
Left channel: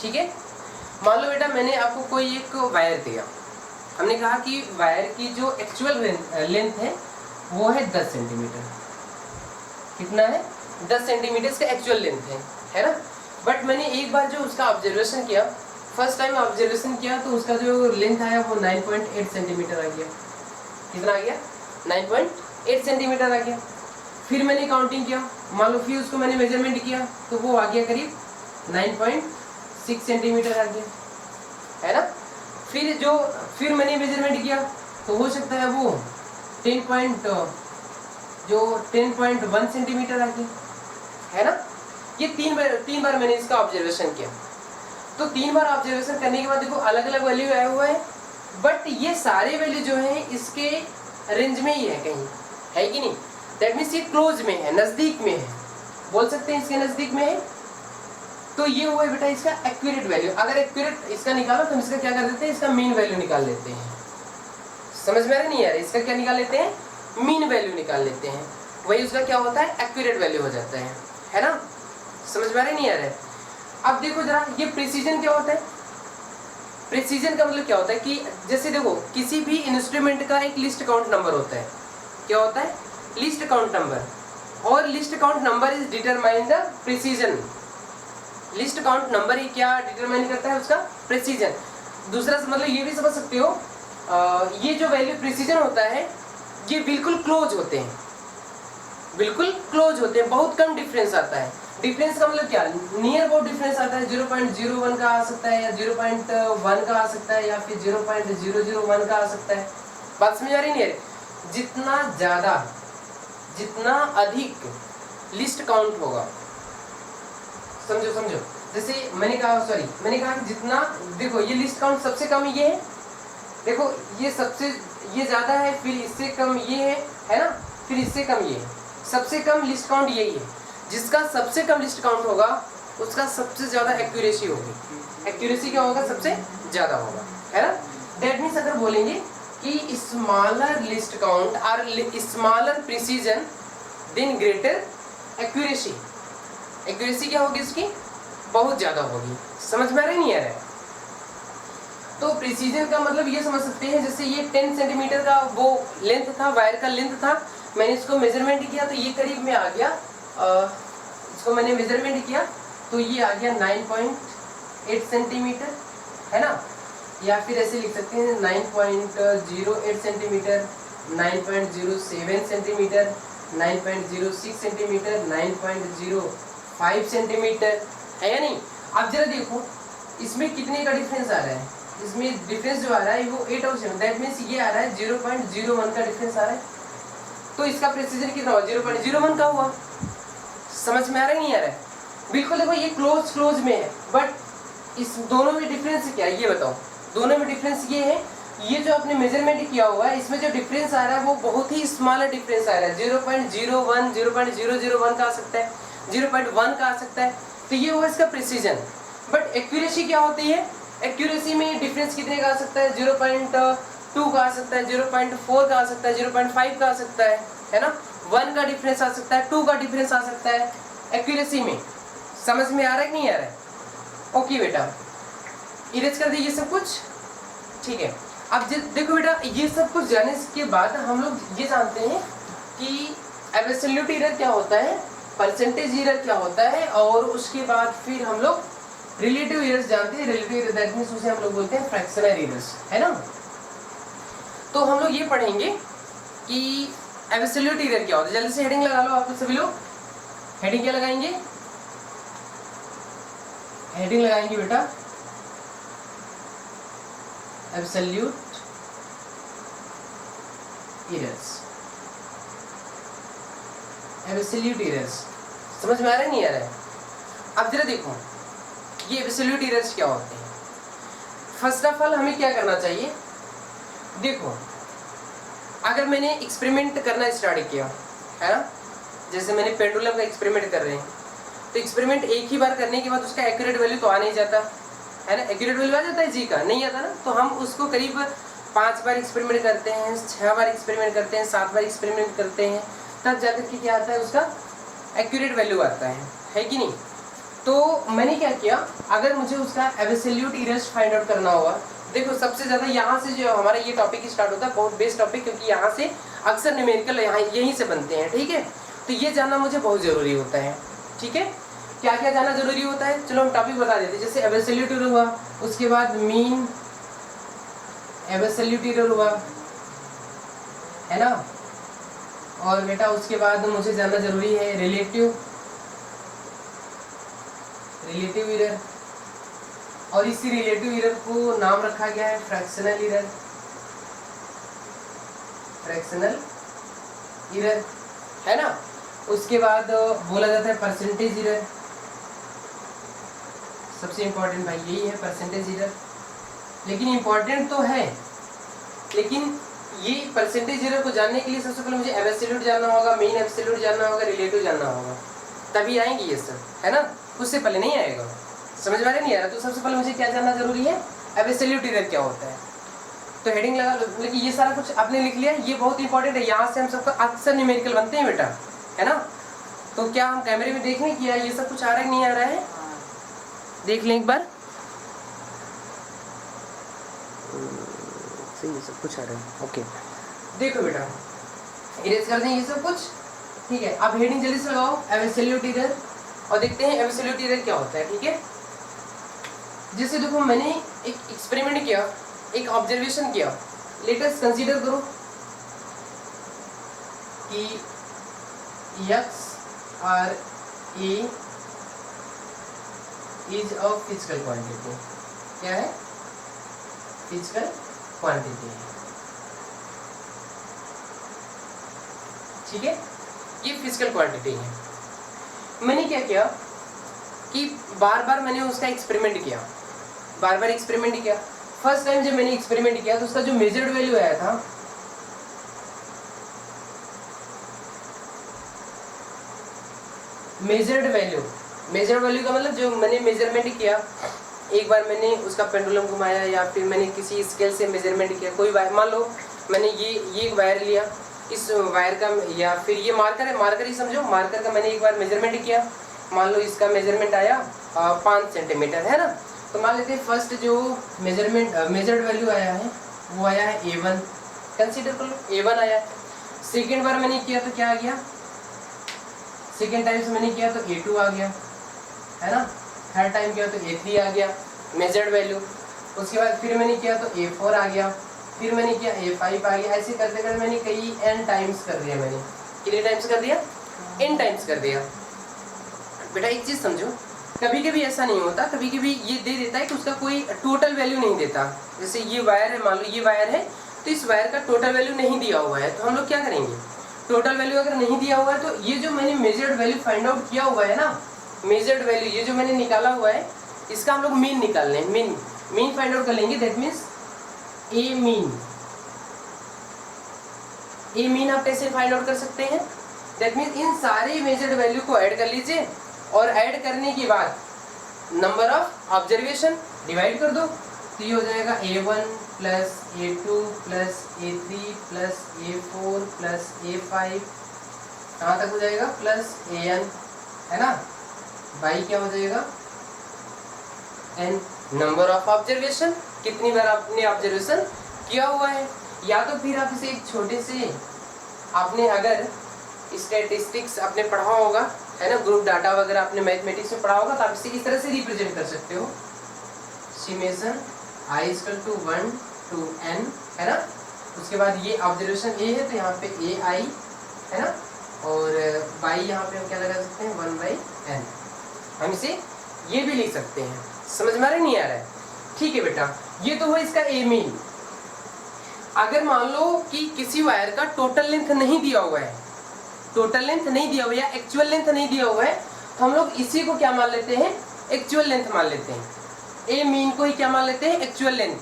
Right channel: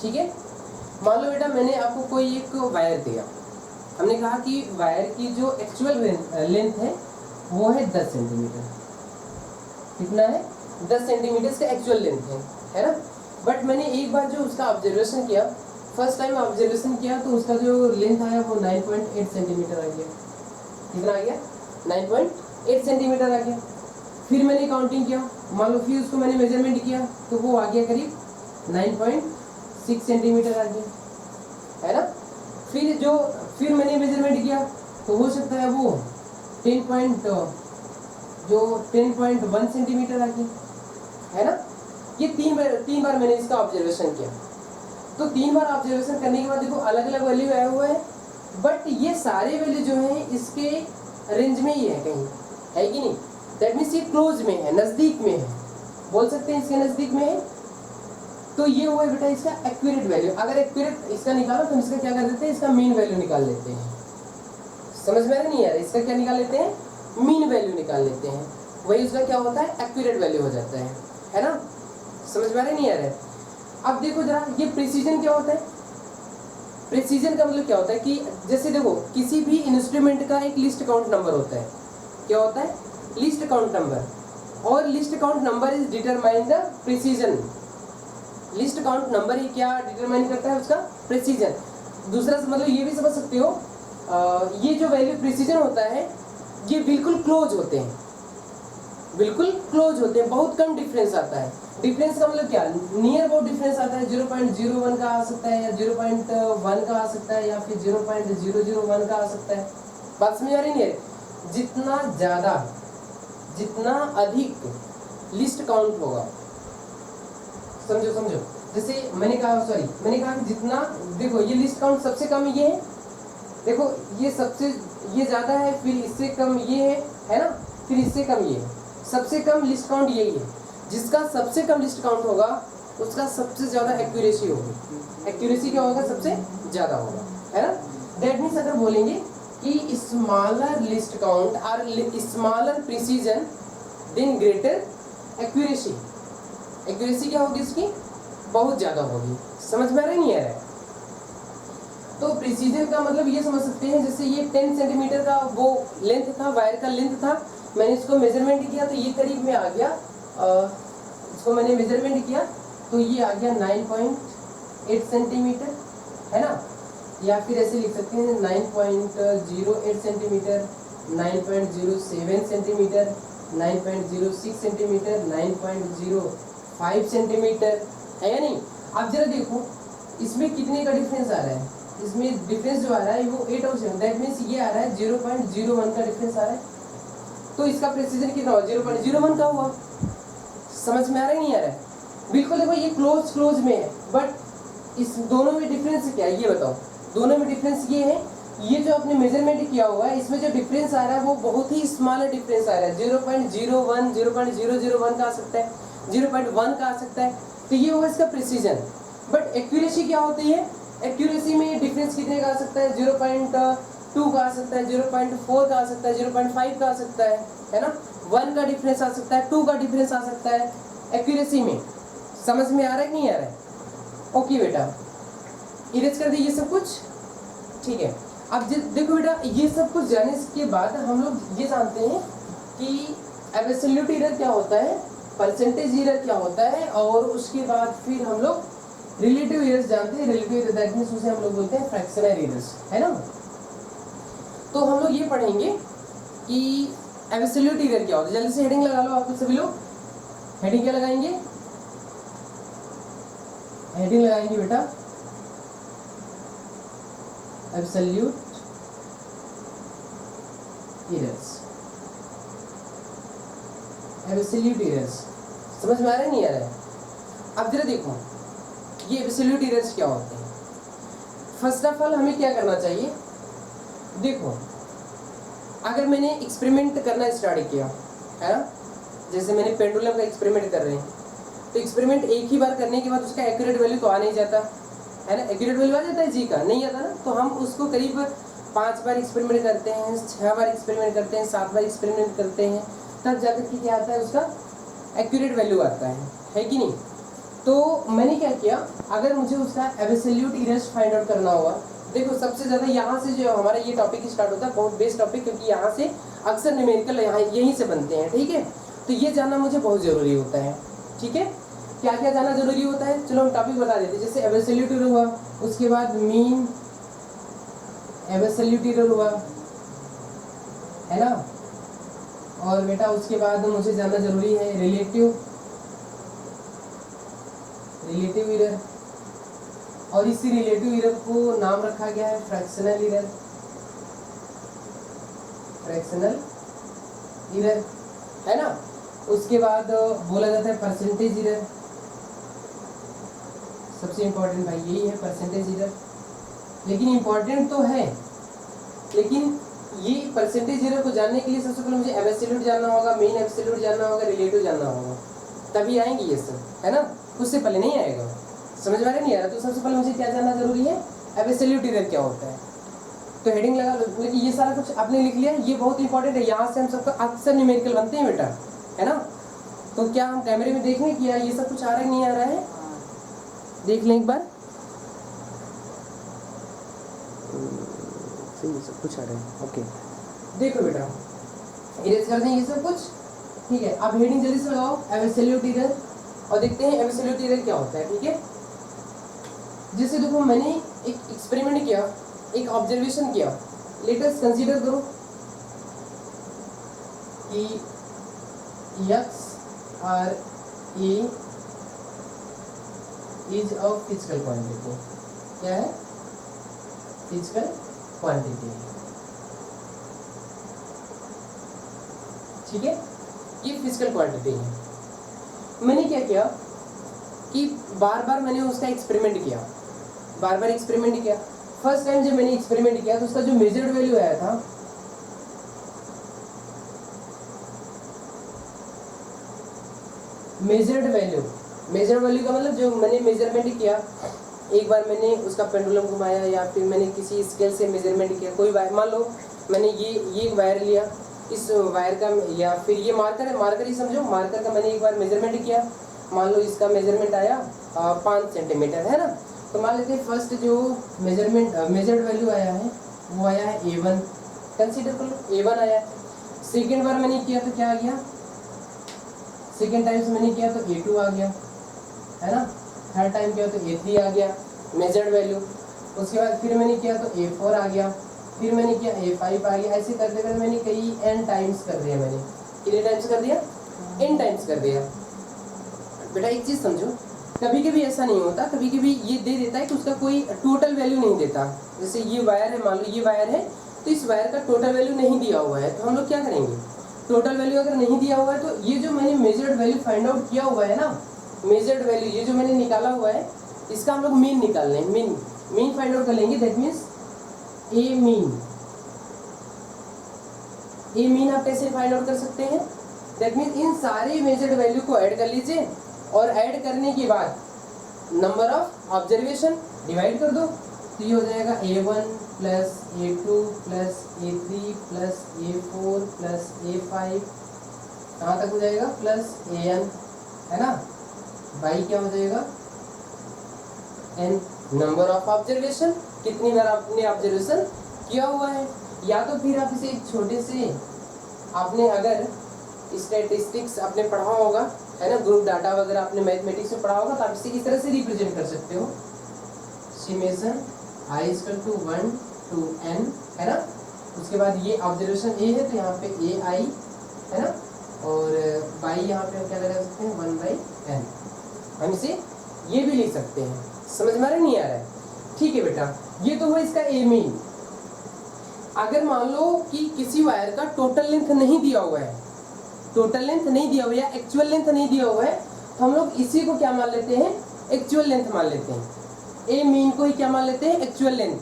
ठीक है। मान लो बेटा मैंने आपको कोई एक वायर दिया, हमने कहा कि वायर की जो एक्चुअल लेंथ है वो है 10 सेंटीमीटर। कितना है? 10 सेंटीमीटर इसका एक्चुअल लेंथ है ना। बट मैंने एक बार जो उसका ऑब्जर्वेशन किया, फर्स्ट टाइम ऑब्जर्वेशन किया, तो उसका जो लेंथ आया वो 9.8 सेंटीमीटर आ गया। कितना आ गया? 9.8 सेंटीमीटर आ गया। फिर मैंने काउंटिंग किया, मान लो फिर उसको मैंने मेजरमेंट किया, तो वो आ गया करीब 9.6 सेंटीमीटर आ गया, है ना। फिर मैंने मेजरमेंट किया, तो हो सकता है वो 10.1 सेंटीमीटर आ गया, है ना। ये तीन बार मैंने इसका ऑब्जर्वेशन किया। तो 3 बार ऑब्जर्वेशन करने के बाद देखो अलग अलग वैल्यू आया हुआ है, बट ये सारे वैल्यू जो हैं इसके रेंज में ही है, कहीं है कि नहीं। दैट मीन्स ये क्लोज में है, नज़दीक में है, बोल सकते हैं इसके नज़दीक में है। तो ये हुआ बेटा इसका एक्यूरेट वैल्यू। अगर एक्यूरेट इसका निकालो तो हम इसका क्या कर देते हैं, इसका मीन वैल्यू निकाल लेते हैं। समझ में आ रहा नहीं यार? इसका क्या निकाल लेते हैं? मीन वैल्यू निकाल लेते हैं। वही उसका क्या होता है, एक्यूरेट वैल्यू हो जाता है ना। समझ में आ रहा है नहीं आ रहा है? अब देखो जरा, ये प्रिसीजन क्या होता है? प्रिसीजन का मतलब क्या होता है कि जैसे देखो किसी भी इंस्ट्रूमेंट का एक लिस्ट काउंट नंबर होता है। क्या होता है? Least count number. और least count number is determine the precision. Least count number ही क्या डिटरमाइन करता है? उसका प्रिसीजन। दूसरा मतलब ये भी समझ सकते हो, ये जो वैल्यू प्रिसीजन होता है ये बिल्कुल क्लोज होते हैं, बिल्कुल क्लोज होते हैं, बहुत कम डिफरेंस आता है। डिफरेंस का मतलब क्या? नियर अबाउट डिफरेंस आता है, 0.01 का आ सकता है या 0.1 का आ सकता है या फिर 0.001 का आ सकता है। बात समझ आ रही नहीं है? जितना ज्यादा, जितना अधिक लिस्ट काउंट होगा, समझो समझो, जैसे मैंने कहा कि जितना, देखो ये लिस्ट काउंट सबसे कम ये है, देखो ये सबसे, ये ज्यादा है, फिर इससे कम ये है ना, फिर इससे कम ये है, सबसे कम लिस्ट काउंट यही है। जिसका सबसे कम लिस्ट काउंट होगा उसका सबसे ज्यादा एक्यूरेसी होगी। एक्यूरेसी क्या होगा? सबसे ज्यादा होगा, है ना। दैट मीन्स अगर बोलेंगे कि स्मॉलर लिस्ट काउंट और smaller precision then greater accuracy. Accuracy क्या होगी इसकी? बहुत ज्यादा होगी। समझ में आ रहा है नहीं आ रहा है? तो प्रिसीजन का मतलब ये समझ सकते हैं, जैसे ये 10 सेंटीमीटर का वो लेंथ था, वायर का लेंथ था, मैंने इसको मेजरमेंट किया तो ये करीब में आ गया, इसको मैंने मेजरमेंट किया तो ये आ गया 9.8 सेंटीमीटर, है ना। या फिर ऐसे लिख सकते हैं 9.08 सेंटीमीटर, 9.07 सेंटीमीटर, 9.06 सेंटीमीटर, 9.05 सेंटीमीटर, है या नहीं। अब जरा देखो इसमें कितने का डिफरेंस आ रहा है? इसमें डिफरेंस जो आ रहा है वो 8 और 7, दैट मीन्स ये आ रहा है 0.01 का डिफरेंस आ रहा है। तो इसका प्रिसीजन कितना हुआ? 0.01 का हुआ। समझ में आ रहा है नहीं आ रहा है? बिल्कुल देखो ये क्लोज में है, बट इस दोनों में डिफरेंस क्या है ये बताओ? दोनों में डिफरेंस ये है, ये जो आपने मेजरमेंट किया हुआ है इसमें जो डिफरेंस आ रहा है वो बहुत ही स्मॉलर डिफरेंस आ रहा है, 0.01, 0.001 का आ सकता है, 0.1 का आ सकता है। तो ये हुआ इसका प्रिसीजन। बट एक्यूरेसी क्या होती है? एक्यूरेसी में डिफरेंस कितने का आ सकता है? 0.2 का आ सकता है, 0.4 का आ सकता है, 0.5 का आ सकता है ना। 1 का डिफरेंस आ सकता है, 2 का डिफरेंस आ सकता है एक्यूरेसी में। समझ में आ रहा है कि नहीं आ रहा है? ओके बेटा, इरेज कर दीजिए सब कुछ, ठीक है। अब देखो बेटा, ये सब कुछ जानने के बाद हम लोग ये जानते हैं कि एब्सोल्यूट एरर क्या होता है, परसेंटेज एरर क्या होता है, और उसके बाद फिर हम लोग रिलेटिव एरर्स जानते हैं। रिलेटिव एरर दैट मींस उसे हम लोग बोलते हैं फ्रैक्शनल एरर्स, है ना। तो हम लोग ये पढ़ेंगे कि एब्सोल्यूट एरर क्या होता है। जल्दी से हेडिंग लगा लो आप सभी लोग। हेडिंग क्या लगाएंगे? हेडिंग लगाएंगे बेटा एब्सोल्यूट एरर्स। एब्सोल्यूट एरर्स समझ में आ रहा है नहीं आ रहा है? अब जरा देखो ये एब्सोल्यूट एरर्स क्या होते हैं। फर्स्ट ऑफ ऑल हमें क्या करना चाहिए? देखो अगर मैंने एक्सपेरिमेंट करना स्टार्ट किया है ना, जैसे मैंने पेंडुलम का एक्सपेरिमेंट कर रहे हैं, तो एक्सपेरिमेंट एक ही बार करने के बाद उसका एक्यूरेट वैल्यू तो आ नहीं जाता है ना। एक्यूरेट वैल्यू आ जाता है जी का? नहीं आता ना। तो हम उसको करीब 5 बार एक्सपेरिमेंट करते हैं, 6 बार एक्सपेरिमेंट करते हैं, 7 बार एक्सपेरिमेंट करते हैं, तब जाकर के क्या आता है? उसका एक्यूरेट वैल्यू आता है कि नहीं। तो मैंने क्या किया, अगर मुझे उसका एब्सोल्यूट एरर्स फाइंड आउट करना होगा, देखो सबसे ज़्यादा यहाँ से जो हमारा ये टॉपिक स्टार्ट होता है, बहुत बेस्ट टॉपिक, क्योंकि यहाँ से अक्सर न्यूमेरिकल यहाँ यहीं से बनते हैं, ठीक है। तो ये जानना मुझे बहुत ज़रूरी होता है, ठीक है। क्या क्या जानना जरूरी होता है? चलो हम टॉपिक बता देते हैं। जैसे एब्सोल्यूट एरर हुआ, उसके बाद मीन एब्सोल्यूट एरर हुआ, है ना। और बेटा उसके बाद मुझे जानना जरूरी है रिलेटिव एरर, और इसी रिलेटिव एरर को नाम रखा गया है फ्रैक्शनल एरर। फ्रैक्शनल एरर, है ना। उसके बाद बोला जाता है परसेंटेज एरर। सबसे इम्पोर्टेंट भाई यही है परसेंटेज एरर। लेकिन इम्पोर्टेंट तो है, लेकिन ये परसेंटेज एरर को जानने के लिए सबसे पहले मुझे एब्सोल्यूट जानना होगा, मीन एब्सोल्यूट जानना होगा, रिलेटिव जानना होगा, तभी आएंगे ये सब, है ना। उससे पहले नहीं आएगा। समझ में नहीं आ रहा? तो सबसे पहले मुझे क्या जानना जरूरी है? एब्सोल्यूट एरर क्या होता है। तो हेडिंग लगा लो। लेकिन ये सारा कुछ आपने लिख लिया, ये बहुत इंपॉर्टेंट है। यहाँ से हम सबका अक्सर न्यूमेरिकल बनते हैं बेटा, है ना। तो क्या हम कैमरे में देख लें कि यार ये सब कुछ आ रहा है नहीं आ रहा है, देख लें एक बार। ये सब कुछ आ रहा है, ओके। देखो बेटा इरेज कर दें ये सब कुछ, ठीक है। अब हेडिंग जल्दी से लगाओ, एब्सोल्यूट एरर, और देखते हैं एब्सोल्यूट एरर क्या होता है, ठीक है। जैसे देखो मैंने एक एक्सपेरिमेंट किया, एक ऑब्जर्वेशन किया, लेट अस कंसीडर करो कि x और a is a physical quantity. क्या है? फिजिकल क्वांटिटी है, ठीक है। ये फिजिकल क्वांटिटी है। मैंने क्या किया कि बार बार मैंने उसका एक्सपेरिमेंट किया, बार बार एक्सपेरिमेंट किया। फर्स्ट टाइम जब मैंने एक्सपेरिमेंट किया तो उसका जो मेजर्ड वैल्यू आया था, मेजर्ड वैल्यू का मतलब जो मैंने मेजरमेंट किया, एक बार मैंने उसका पेंडुलम घुमाया या फिर मैंने किसी स्केल से मेजरमेंट किया, कोई वायर, मान लो मैंने ये एक वायर लिया, इस वायर का, या फिर ये मार्कर है, मार्कर ही समझो, मार्कर का मैंने एक बार मेजरमेंट किया, मान लो इसका मेजरमेंट आया 5 सेंटीमीटर, है ना। तो मान लेते हैं फर्स्ट जो मेजर्ड वैल्यू आया है वो आया है A1, कंसीडर कर लो A1 आया है। सेकेंड बार मैंने किया तो क्या आ गया, सेकेंड टाइम से मैंने किया तो A2 आ गया, है ना। थर्ड टाइम किया तो A3 आ गया मेजर्ड वैल्यू। उसके बाद फिर मैंने किया तो A4 आ गया, फिर मैंने किया A5 आ गया। ऐसे करते करते मैंने कई n टाइम्स कर दिया। मैंने कितने टाइम्स कर दिया? n टाइम्स कर दिया। बेटा एक चीज़ समझो, कभी कभी ऐसा नहीं होता, कभी कभी ये दे देता है कि उसका कोई टोटल वैल्यू नहीं देता। जैसे ये वायर है, मान लो ये वायर है, तो इस वायर का टोटल वैल्यू नहीं दिया हुआ है, तो हम लोग क्या करेंगे, टोटल वैल्यू अगर नहीं दिया हुआ है तो ये जो मैंने मेजर्ड वैल्यू फाइंड आउट किया हुआ है ना, मेजर्ड वैल्यू ये जो मैंने निकाला हुआ है, इसका हम लोग मीन निकाल लें, मीन फाइंड आउट कर लेंगे। दैट मीन्स ए मीन आप कैसे फाइंड आउट कर सकते हैं? दैट मीन्स इन सारे मेजर्ड वैल्यू को ऐड कर लीजिए, और ऐड करने के बाद नंबर ऑफ ऑब्जर्वेशन डिवाइड कर दो, तो ये हो जाएगा A1 plus A2 plus A3 plus A4 plus A5, कहाँ तक हो जाएगा, प्लस AN, है ना। बाई क्या हो जाएगा, N, नंबर ऑफ ऑब्जर्वेशन, कितनी बार आपने ऑब्जर्वेशन किया हुआ है। या तो फिर आप इसे एक छोटे से, आपने अगर स्टैटिस्टिक्स आपने पढ़ा होगा, है ना, ग्रुप डाटा वगैरह आपने मैथमेटिक्स में पढ़ा होगा, तो आप इसे इस तरह से रिप्रेजेंट कर सकते हो, समेशन i = 1 to n, है ना। उसके बाद ये ऑब्जर्वेशन A है तो यहाँ पे AI, है ना, और बाई यहाँ पे हम क्या लगा सकते हैं, 1/n। हम इसे ये भी लिख सकते हैं। समझ में आ रहा है नहीं आ रहा है? ठीक है बेटा, ये तो हुआ इसका A मीन। अगर मान लो कि किसी वायर का टोटल लेंथ नहीं दिया हुआ है, टोटल लेंथ नहीं दिया हुआ है या एक्चुअल लेंथ नहीं दिया हुआ है, तो हम लोग इसी को क्या मान लेते हैं, एक्चुअल लेंथ मान लेते हैं। ए मीन को ही क्या मान लेते हैं, एक्चुअल लेंथ।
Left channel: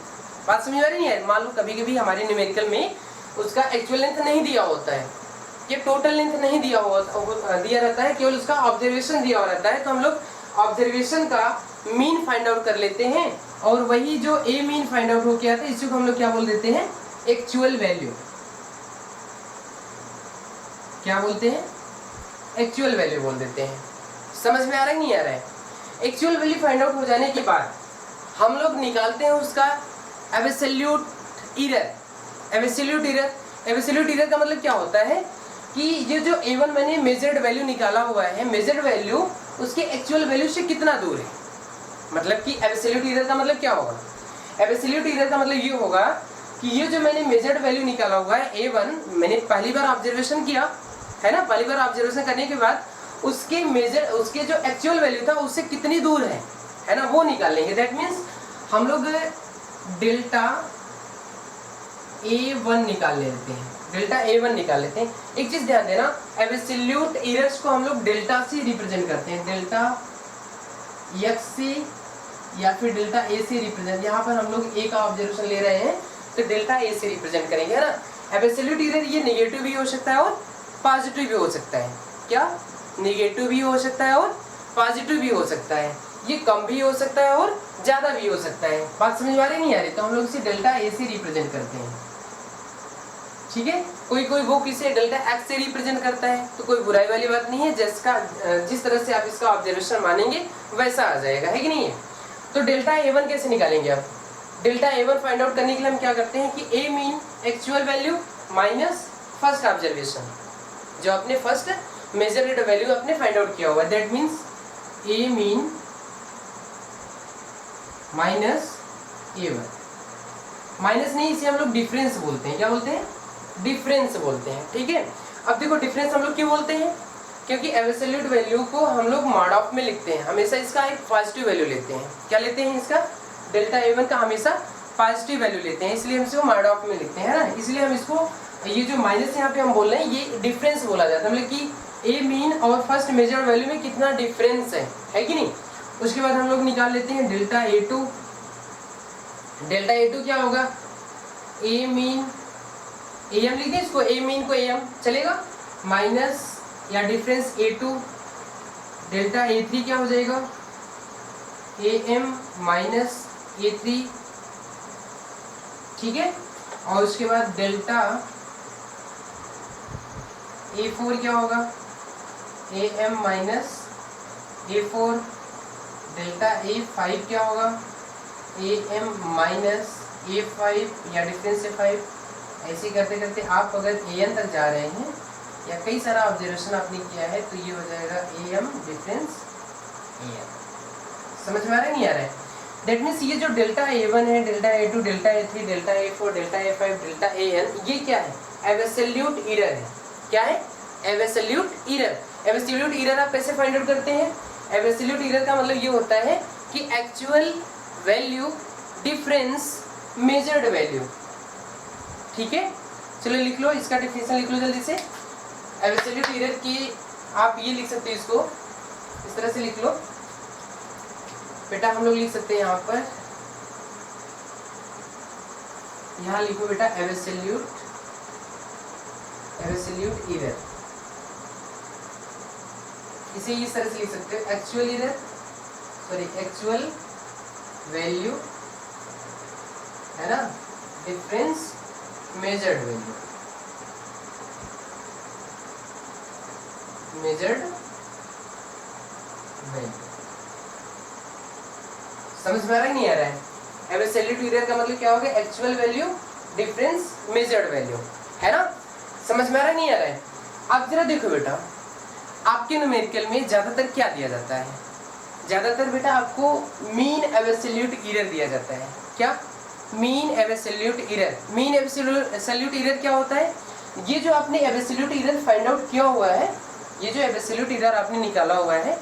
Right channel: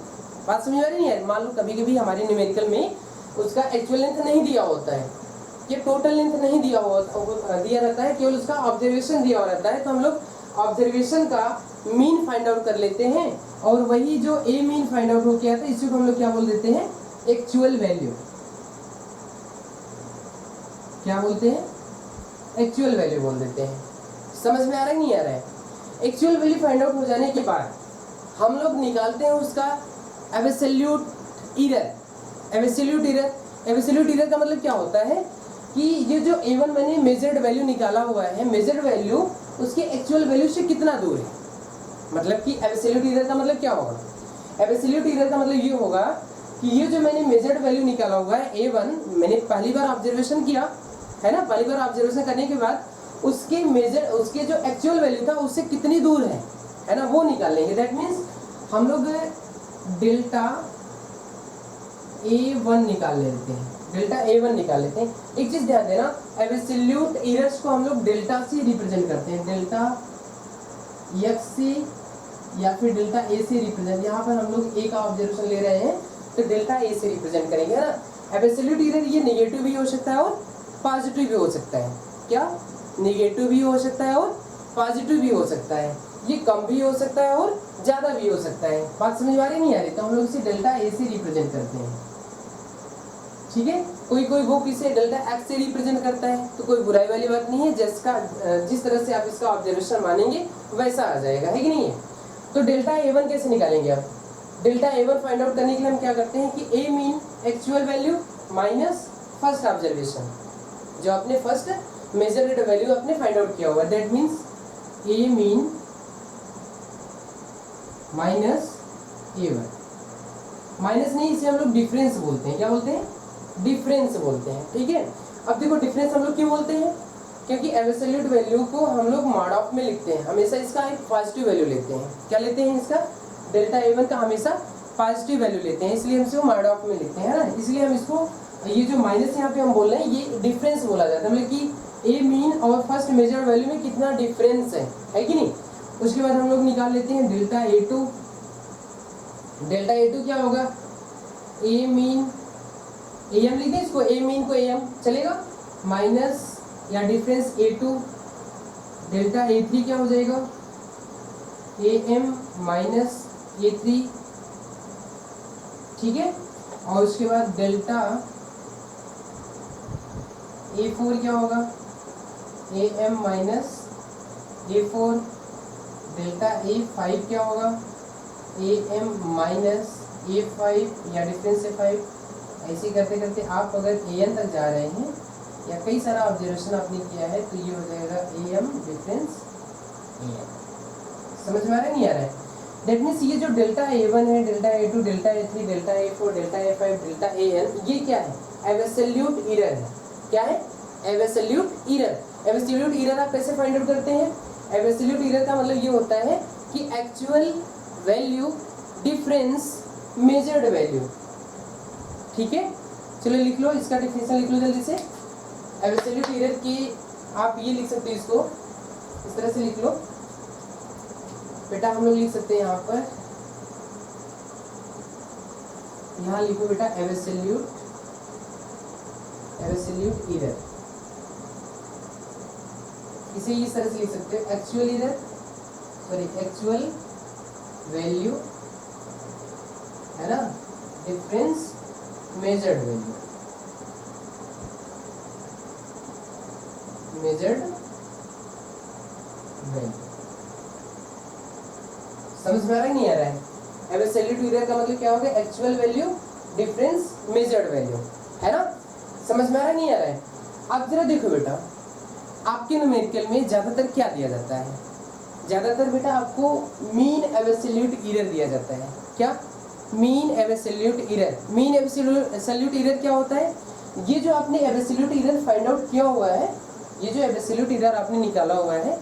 बात समझ आ रही है? मान लो कभी कभी हमारे न्यूमेरिकल में उसका एक्चुअल लेंथ नहीं दिया होता है, ये टोटल लेंथ नहीं दिया रहता है, केवल उसका ऑब्जर्वेशन दिया हुआ रहता है, तो हम लोग ऑब्जर्वेशन का मीन फाइंड आउट कर लेते हैं, और वही जो ए मीन फाइंड आउट हो गया था इसी को हम लोग क्या बोल देते हैं, एक्चुअल वैल्यू। क्या बोलते हैं, एक्चुअल वैल्यू बोल देते हैं। समझ में आ रहा है नहीं आ रहा है? एक्चुअल वैल्यू फाइंड आउट हो जाने के बाद हम लोग निकालते हैं उसका एब्सोल्यूट एरर। एब्सोल्यूट एरर का मतलब क्या होता है कि ये जो A1 मैंने मेजर्ड वैल्यू निकाला हुआ है, मेजर्ड वैल्यू उसके एक्चुअल वैल्यू से कितना दूर है। मतलब कि एब्सोल्यूट एरर का मतलब क्या होगा, एब्सोल्यूट एरर का मतलब ये होगा कि ये जो मैंने मेजर्ड वैल्यू निकाला हुआ है A1, मैंने पहली बार ऑब्जर्वेशन किया, है ना, पहली बार ऑब्जर्वेशन करने के बाद उसके जो एक्चुअल वैल्यू था उससे कितनी दूर है ना, वो निकाल लेंगे। दैट मीन्स हम लोग डेल्टा A1 निकाल लेते हैं, डेल्टा A1 निकाल लेते हैं। एक चीज ध्यान देना, एब्सोल्यूट एरर्स को हम लोग डेल्टा से रिप्रेजेंट करते हैं, डेल्टा x से या फिर डेल्टा A से रिप्रेजेंट। यहाँ पर हम लोग A का ऑब्जर्वेशन ले रहे हैं तो डेल्टा A से रिप्रेजेंट करेंगे, है ना। एब्सोल्यूट एरर ये नेगेटिव भी हो सकता है और पॉजिटिव भी हो सकता है। क्या, नेगेटिव भी हो सकता है और पॉजिटिव भी हो सकता है, ये कम भी हो सकता है और ज़्यादा भी हो सकता है। बात समझ आ रही नहीं आ रही? तो हम लोग इसे डेल्टा A से रिप्रेजेंट करते हैं, ठीक है, कोई कोई वो किसे डेल्टा एक्स से रिप्रेजेंट करता है, तो कोई बुराई वाली बात नहीं है, जिसका जिस तरह से आप इसका ऑब्जर्वेशन मानेंगे वैसा आ जाएगा, है कि नहीं है। तो डेल्टा A1 कैसे निकालेंगे आप? डेल्टा A1 फाइंड आउट करने के लिए हम क्या करते हैं कि A mean actual value minus first observation, जो आपने फर्स्ट मेजर्ड वैल्यू आपने फाइंड आउट किया हुआ, that means A mean minus A1। Minus नहीं, इसे हम लोग डिफरेंस बोलते हैं। क्या बोलते हैं? डिफरेंस बोलते हैं, ठीक है। अब देखो डिफरेंस हम लोग क्यों बोलते हैं, क्योंकि एब्सोल्यूट वैल्यू को हम लोग मॉड ऑफ में लिखते हैं, हमेशा इसका एक पॉजिटिव वैल्यू लेते हैं। क्या लेते हैं? इसका डेल्टा A1 का हमेशा पॉजिटिव वैल्यू लेते हैं, इसलिए हम इसको मॉड ऑफ में लिखते हैं ना। इसलिए हम इसको, ये जो माइनस यहाँ पे हम बोल रहे हैं, ये डिफरेंस बोला जाता है, मतलब कि A मीन और फर्स्ट मेजर वैल्यू में कितना डिफरेंस है कि नहीं। उसके बाद हम लोग निकाल लेते हैं डेल्टा A2। डेल्टा A2 क्या होगा? A मीन AM लिख दें इसको, A मीन को AM चलेगा, माइनस या डिफरेंस A2। डेल्टा A3 क्या हो जाएगा? AM माइनस A3, ठीक है। और उसके बाद डेल्टा A4 क्या होगा? AM minus A4। Delta A5 क्या होगा? AM माइनस A5 या डिफरेंस A5। ऐसे करते करते आप अगर AN तक जा रहे हैं या कई सारा ऑब्जर्वेशन आपने किया है, तो ये हो जाएगा AM डिफरेंस AN। समझ में आ रहा है नहीं आ रहा है? दैट मीन्स ये जो डेल्टा A1 है, delta A2, delta A3, delta A4, delta A5, delta AN, ये क्या है? एब्सोल्यूट एरर है। क्या है? Absolute error. एब्सोल्यूट एरर आप कैसे फाइंड आउट करते हैं? एब्सोल्यूट एरर का मतलब ये होता है कि actual value difference measured value, ठीक है। चलो लिख लो, इसका डेफिनेशन लिख लो जल्दी से। एब्सोल्यूट एरर की आप ये लिख सकते हो, इसको इस तरह से लिख लो बेटा। हम लोग लिख सकते हैं यहाँ पर, यहाँ लिखो बेटा एब्सोल्यूट एरर। इसे इस तरह से लिख सकते हो, actual error, sorry actual value है ना, difference measured value, measured value. समझ में आ रहा है नहीं आ रहा है? एब्सोल्यूट एरर का मतलब क्या होगा? Actual value difference measured value, है ना। समझ में आ रहा है नहीं आ रहा है? आप जरा देखो बेटा, आपके न्यूमेरिकल में ज्यादातर क्या दिया जाता है? ज्यादातर बेटा आपको मीन एब्सोल्यूट एरर दिया जाता है। क्या? Mean absolute error. Mean absolute error क्या होता है? ये जो आपने एब्सोल्यूट एरर फाइंड आउट किया हुआ है, ये जो एब्सोल्यूट एरर आपने निकाला हुआ है,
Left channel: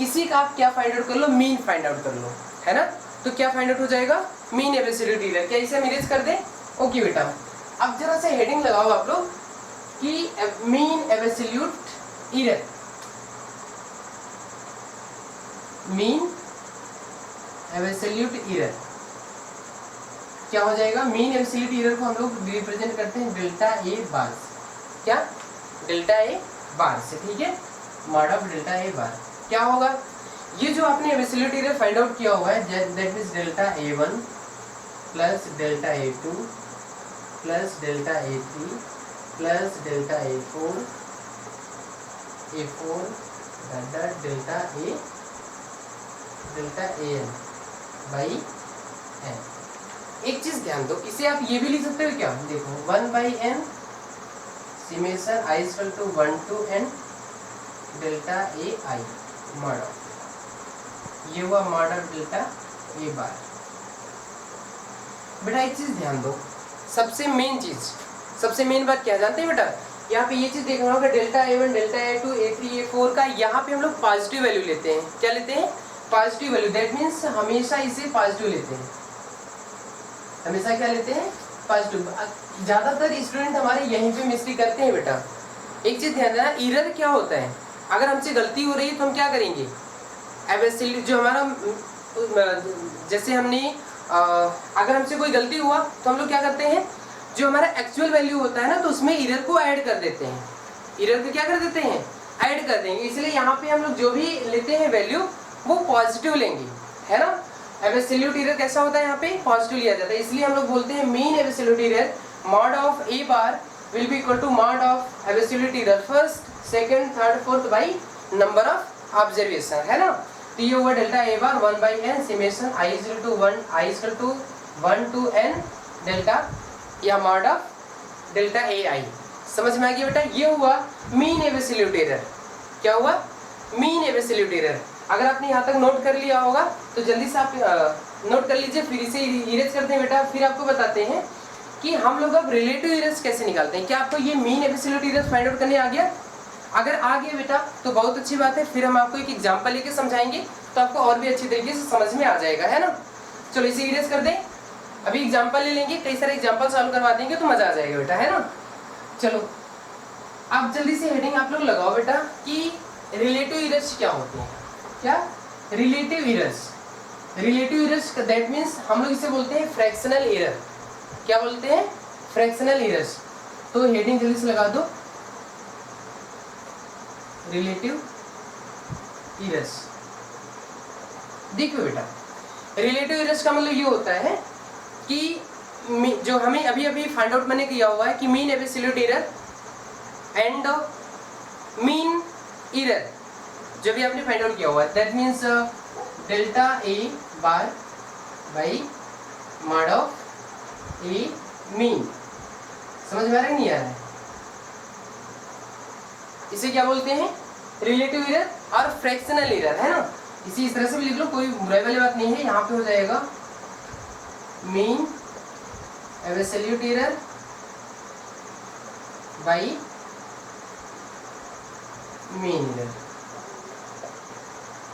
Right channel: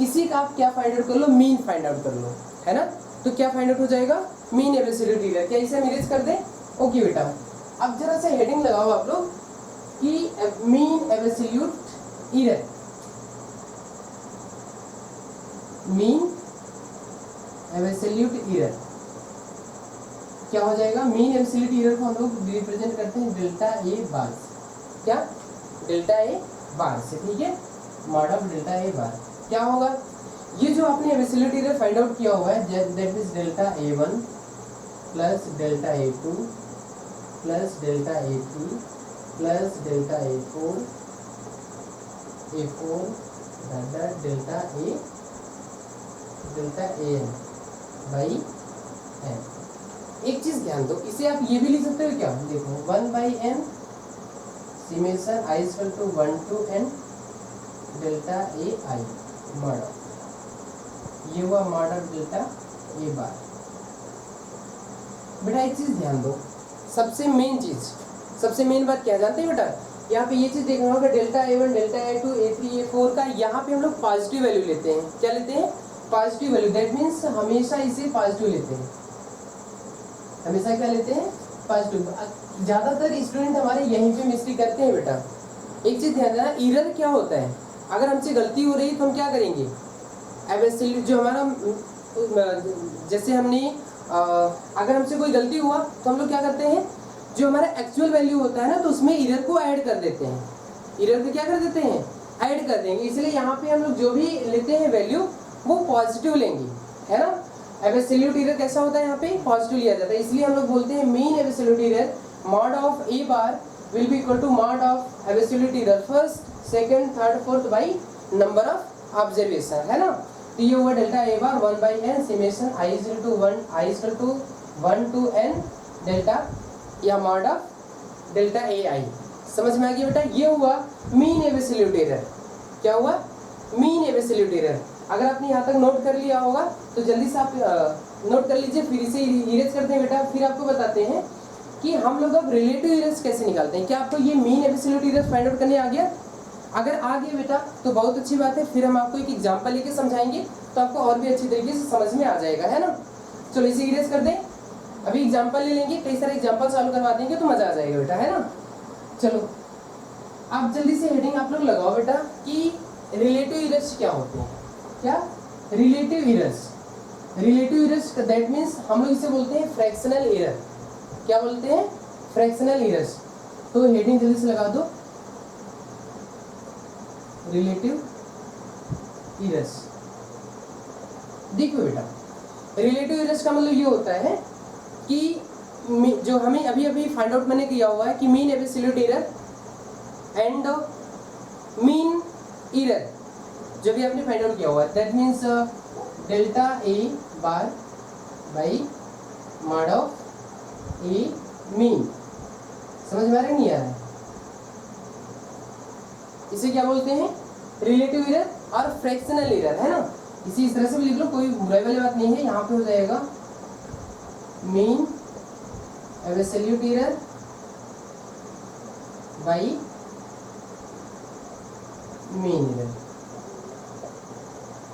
इसी का आप क्या फाइंड आउट कर लो? मीन फाइंड आउट कर लो, है ना। तो क्या फाइंड आउट हो जाएगा? Mean absolute error. क्या इसे हम इरेज कर दें? ओके बेटा, अब जरा सा हेडिंग लगाओ आप लोग कि mean absolute error, mean absolute error क्या हो जाएगा? मीन एब्सोल्यूट एरर को हम लोग रिप्रेजेंट करते हैं डेल्टा A बार से। क्या? डेल्टा A बार से, ठीक है। मॉड ऑफ डेल्टा A बार क्या होगा? ये जो आपने एब्सोल्यूट एरर फाइंड आउट किया हुआ है, that means delta A1 plus delta A2 plus delta A3 plus delta A4 delta AN by n। एक चीज ध्यान दो, इसे आप ये भी लिख सकते हो क्या? देखो 1/n summation i equal to 1 to n delta AI mod of, ये हुआ mod of delta A bar. बेटा एक चीज ध्यान दो, सबसे मेन चीज, सबसे मेन बात क्या जानते हैं बेटा? यहाँ पे ये चीज देखना होगा, delta A1, delta A2, A3, A4 का यहाँ पे हम लोग पॉजिटिव वैल्यू लेते हैं। क्या लेते हैं? Positive value. दैट मीन्स हमेशा इसे पॉजिटिव लेते हैं, हमेशा क्या लेते हैं? पॉजिटिव। ज्यादातर स्टूडेंट हमारे यहीं पे मिस्टेक करते हैं बेटा। एक चीज ध्यान देना, एरर क्या होता है? अगर हमसे गलती हो रही है तो हम क्या करेंगे? एब्सोल्यूट जो हमारा, जैसे हमने अगर हमसे कोई गलती हुआ तो हम लोग क्या करते हैं? जो हमारा एक्चुअल वैल्यू होता है ना, तो उसमें एरर को ऐड कर देते हैं। एरर को क्या कर देते हैं? ऐड कर देंगे। इसलिए यहाँ पे हम लोग जो भी लेते हैं वैल्यू, वो पॉजिटिव लेंगे, है ना। एब्सोल्यूट एरर कैसा होता है? यहाँ पे पॉजिटिव लिया जाता है। इसलिए हम लोग बोलते हैं mean absolute error mod of A bar will be equal to mod of absolute error first, second, third, fourth by number of observation, है ना। तो ये हुआ delta A bar 1 by n summation i is equal to 1 to n delta या mod of delta A आई। समझ में आ गया बेटा। ये हुआ मीन एब्सोल्यूट एरर। क्या हुआ? Mean absolute error. अगर आपने यहाँ तक नोट कर लिया होगा तो जल्दी से आप नोट कर लीजिए, फिर इसे इरेज करते हैं बेटा। फिर आपको बताते हैं कि हम लोग अब रिलेटिव एरर्स कैसे निकालते हैं। क्या आपको ये mean absolute errors find out करने आ गया? अगर आ गया बेटा तो बहुत अच्छी बात है। फिर हम आपको एक एग्जांपल लेके समझाएंगे तो आपको और भी अच्छी तरीके से समझ में आ जाएगा, है ना। चलो इसे इरेज कर दें। अभी एग्जांपल ले लेंगे, कई सारे एग्जांपल सॉल्व करवा देंगे तो मजा आ जाएगा बेटा, है ना। चलो आप जल्दी से हेडिंग आप लोग लगाओ बेटा कि रिलेटिव एरर्स क्या होते हैं। क्या? Relative errors. Relative errors that means हम लोग इसे बोलते हैं फ्रैक्शनल एरर। क्या बोलते हैं? Fractional errors. तो हेडिंग जल्दी से लगा दो, रिलेटिव एरर्स। देखो बेटा, रिलेटिव एरर्स का मतलब ये होता है कि जो हमें अभी अभी फाइंड आउट मैंने किया हुआ है कि mean absolute error and mean error जो भी आपने फाइंड आउट किया हुआ है, that means delta A bar by mod of A mean. समझ में आ रहा है नहीं आ रहा है? इसे क्या बोलते हैं? रिलेटिव एरर और फ्रैक्शनल एरर, है ना। इसी इस तरह से भी लिख लो, कोई बुराई वाली बात नहीं है। यहाँ पे हो जाएगा mean absolute error by mean error.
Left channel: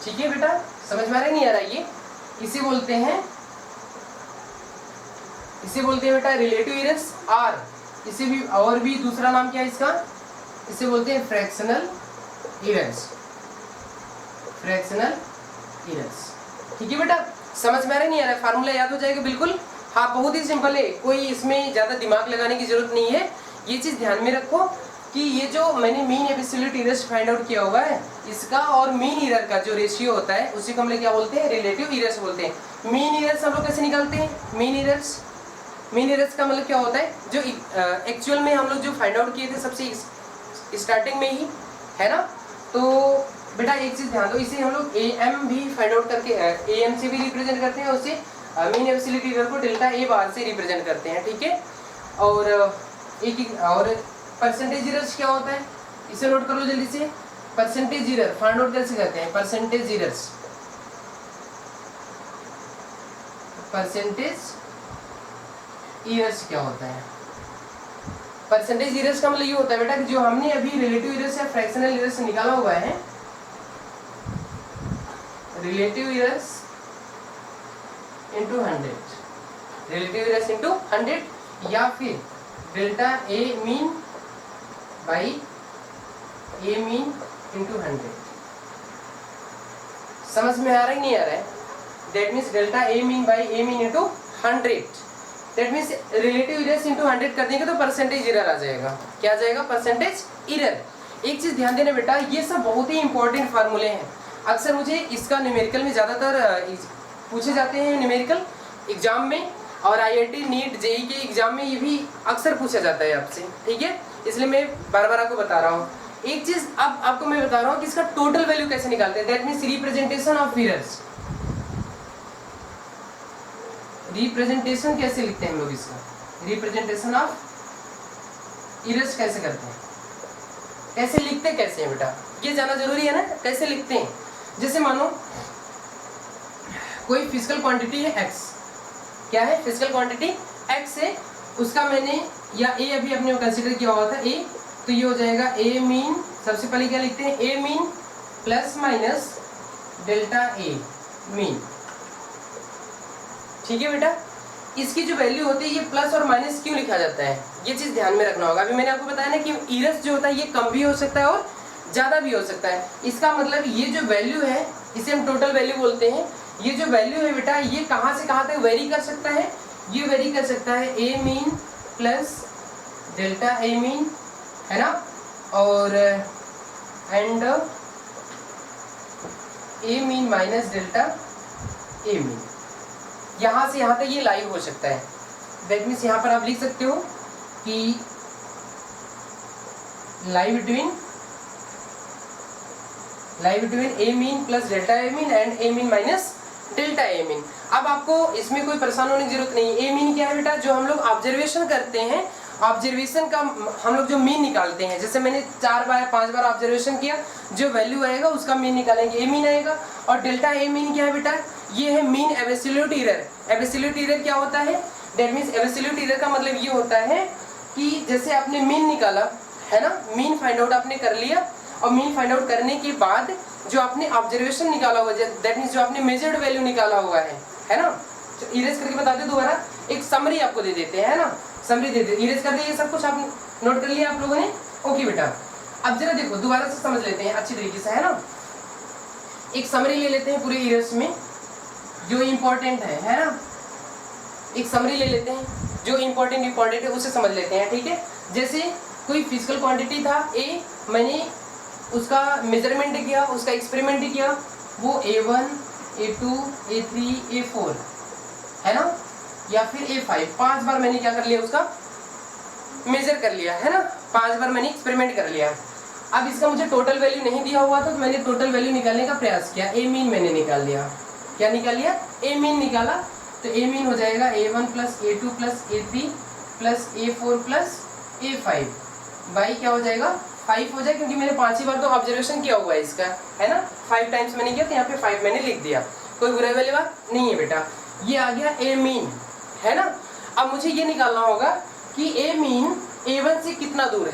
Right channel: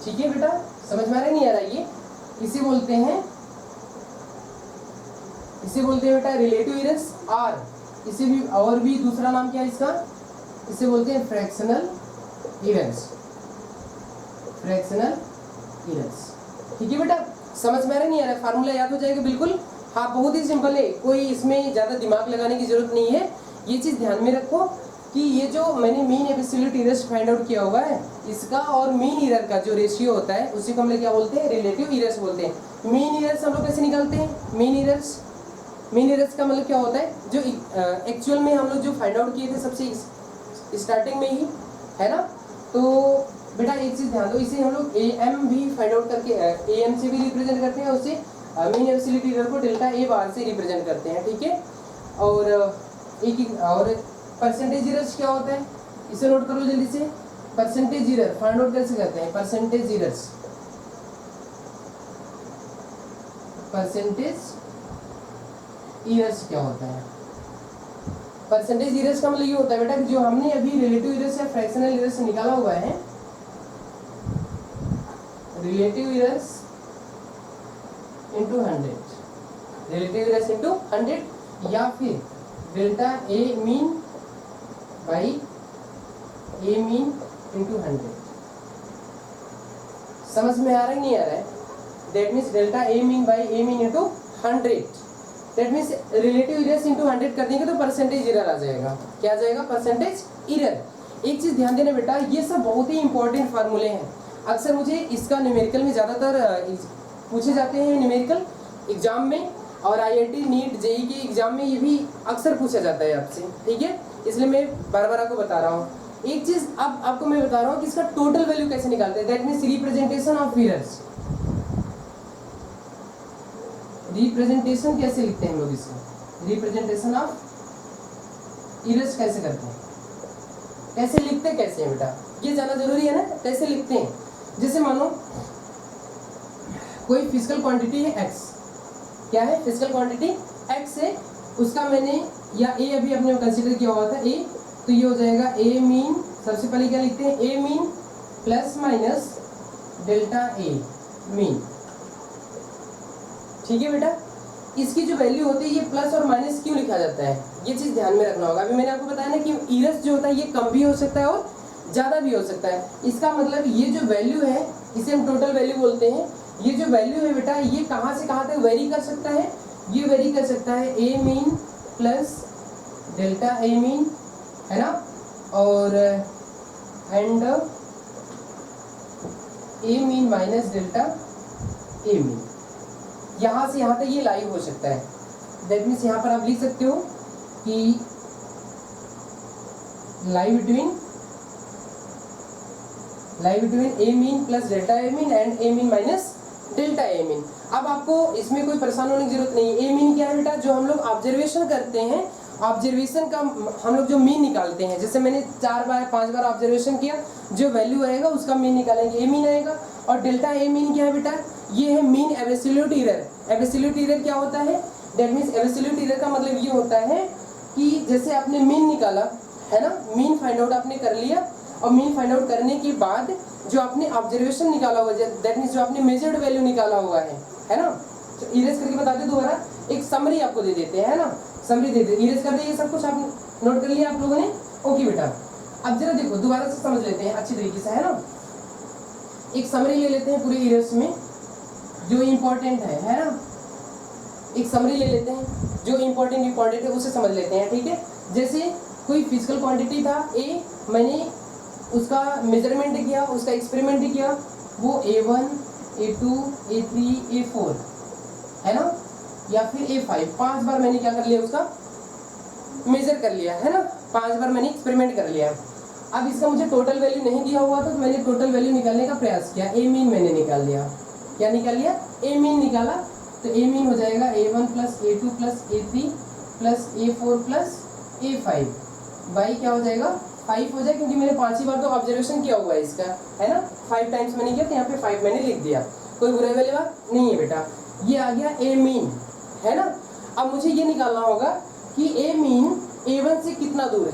ठीक है बेटा, समझ में आ रहा है नहीं आ रहा है? ये इसे बोलते हैं बेटा रिलेटिव एरर्स। और इसे भी और भी दूसरा नाम क्या है इसका? इसे बोलते हैं फ्रैक्शनल एरर्स। Fractional errors. ठीक है बेटा, समझ में आ रहा है नहीं आ रहा है? फार्मूला याद हो जाएगा बिल्कुल। हाँ, बहुत ही सिंपल है, कोई इसमें ज़्यादा दिमाग लगाने की जरूरत नहीं है। ये चीज़ ध्यान में रखो कि ये जो मैंने mean absolute errors find out किया हुआ है, इसका और मीन एरर का जो रेशियो होता है उसी को हम लोग क्या बोलते हैं? रिलेटिव एरर्स बोलते हैं। मीन एरर्स हम लोग कैसे निकालते हैं? मीन एरर्स का मतलब क्या होता है? जो एक्चुअल में हम लोग जो फाइंड आउट किए थे सबसे स्टार्टिंग में ही, है ना। तो बेटा एक चीज़ ध्यान दो, इसे हम लोग AM भी फाइंड आउट करके AM से भी रिप्रेजेंट करते हैं, उसे मीन एब्सोल्यूट एरर को डेल्टा ए बार से रिप्रेजेंट करते हैं। ठीक है। और और परसेंटेज एरर्स क्या होता है? इसे नोट कर लो जल्दी से। परसेंटेज एरर फाइंड आउट कैसे करते हैं? परसेंटेज एरर्स क्या होता है? परसेंटेज एरर्स का मतलब ये होता है बेटा कि जो हमने अभी रिलेटिव एरर्स या फ्रैक्शनल एरर्स निकाला हुआ है, relative errors into 100, relative errors into 100, या फिर delta A mean by A mean into 100। समझ में आ रहा है नहीं आ रहा है? That means delta A mean by A mean into 100, that means relative errors into 100 कर देंगे तो परसेंटेज एरर आ जाएगा। क्या आ जाएगा? Percentage error. एक चीज़ ध्यान देना बेटा, ये सब बहुत ही इंपॉर्टेंट फार्मूले हैं। अक्सर मुझे इसका न्यूमेरिकल में ज़्यादातर पूछे जाते हैं न्यूमेरिकल एग्जाम में, और IIT नीट JEE के एग्जाम में ये भी अक्सर पूछा जाता है आपसे। ठीक है, इसलिए मैं बार बार आपको बता रहा हूँ। एक चीज़ अब आपको मैं बता रहा हूँ कि इसका टोटल वैल्यू कैसे निकालते हैं। That means representation of errors. Representation कैसे लिखते हैं हम लोग इसका? रिप्रेजेंटेशन ऑफ एरर्स कैसे करते हैं? कैसे लिखते कैसे हैं बेटा? ये जानना जरूरी है ना, कैसे लिखते हैं। जैसे मानो कोई फिजिकल क्वांटिटी है x। क्या है? फिजिकल क्वांटिटी x है, उसका मैंने या a अभी अपने कंसीडर किया हुआ था a, तो ये हो जाएगा a मीन। सबसे पहले क्या लिखते हैं? a mean plus minus delta a mean. ठीक है बेटा, इसकी जो वैल्यू होती है ये प्लस और माइनस क्यों लिखा जाता है, ये चीज़ ध्यान में रखना होगा। अभी मैंने आपको बताया ना कि एरर्स जो होता है ये कम भी हो सकता है और ज़्यादा भी हो सकता है। इसका मतलब ये जो वैल्यू है इसे हम टोटल वैल्यू बोलते हैं। ये जो वैल्यू है बेटा ये कहाँ से कहाँ तक वेरी कर सकता है? ये वेरी कर सकता है a mean plus delta a mean, है ना, और and a mean minus delta a mean. यहाँ से यहाँ तक ये लाइव हो सकता है। दैट मीन्स यहाँ पर आप लिख सकते हो कि lie between A mean plus delta A mean and A mean minus delta A mean. अब आपको इसमें कोई परेशान होने की जरूरत नहीं। ए मीन क्या है बेटा, जो हम लोग ऑब्जर्वेशन करते हैं, ऑब्जर्वेशन का हम लोग जो मीन निकालते हैं, जैसे मैंने 4 बार 5 बार ऑब्जर्वेशन किया, जो वैल्यू आएगा उसका मीन निकालेंगे, ए मीन आएगा। और डेल्टा ए मीन क्या है बेटा, ये है mean absolute error. Absolute error क्या होता है, दैट मीन्स एब्सोल्यूट एरर का मतलब ये होता है कि जैसे आपने मीन निकाला है ना, मीन फाइंड आउट आपने कर लिया, और मीन फाइंड आउट करने के बाद जो आपने ऑब्जर्वेशन निकाला हुआ है, दैट मीन्स जो आपने मेजर्ड वैल्यू निकाला हुआ है ना, तो इरेज करके बता दे दोबारा, एक समरी आपको दे देते हैं, है ना, समरी दे देते, इरेज कर दे, ये सब कुछ आप नोट कर लिया आप लोगों ने, ओके बेटा। अब जरा देखो दोबारा से समझ लेते हैं अच्छी तरीके से, है ना, एक समरी ले लेते हैं पूरे इरेज में जो इम्पोर्टेंट है ना, एक समरी ले लेते हैं जो इम्पोर्टेंट है उसे समझ लेते हैं, ठीक है। जैसे कोई फिजिकल क्वांटिटी था ए, मैंने उसका मेजरमेंट किया, उसका एक्सपेरिमेंट किया, वो A1 A2 A3 A4 है ना, या फिर A5, 5 बार मैंने क्या कर लिया, उसका मेजर कर लिया, है ना, 5 बार मैंने एक्सपेरिमेंट कर लिया। अब इसका मुझे टोटल वैल्यू नहीं दिया हुआ था, तो मैंने टोटल वैल्यू निकालने का प्रयास किया, ए मीन मैंने निकाल लिया। क्या निकाल लिया, ए मीन निकाला, तो ए मीन हो जाएगा A1 plus A2 plus A3 plus A4 plus A5 by क्या हो जाएगा 5 हो जाए, क्योंकि मैंने 5 ही बार तो ऑब्जर्वेशन किया हुआ है इसका, है ना, 5 टाइम्स मैंने किया, तो यहाँ पे 5 मैंने लिख दिया, कोई बुराई वाली बात नहीं है बेटा। ये आ गया ए मीन, है ना। अब मुझे ये निकालना होगा कि ए मीन A1 से कितना दूर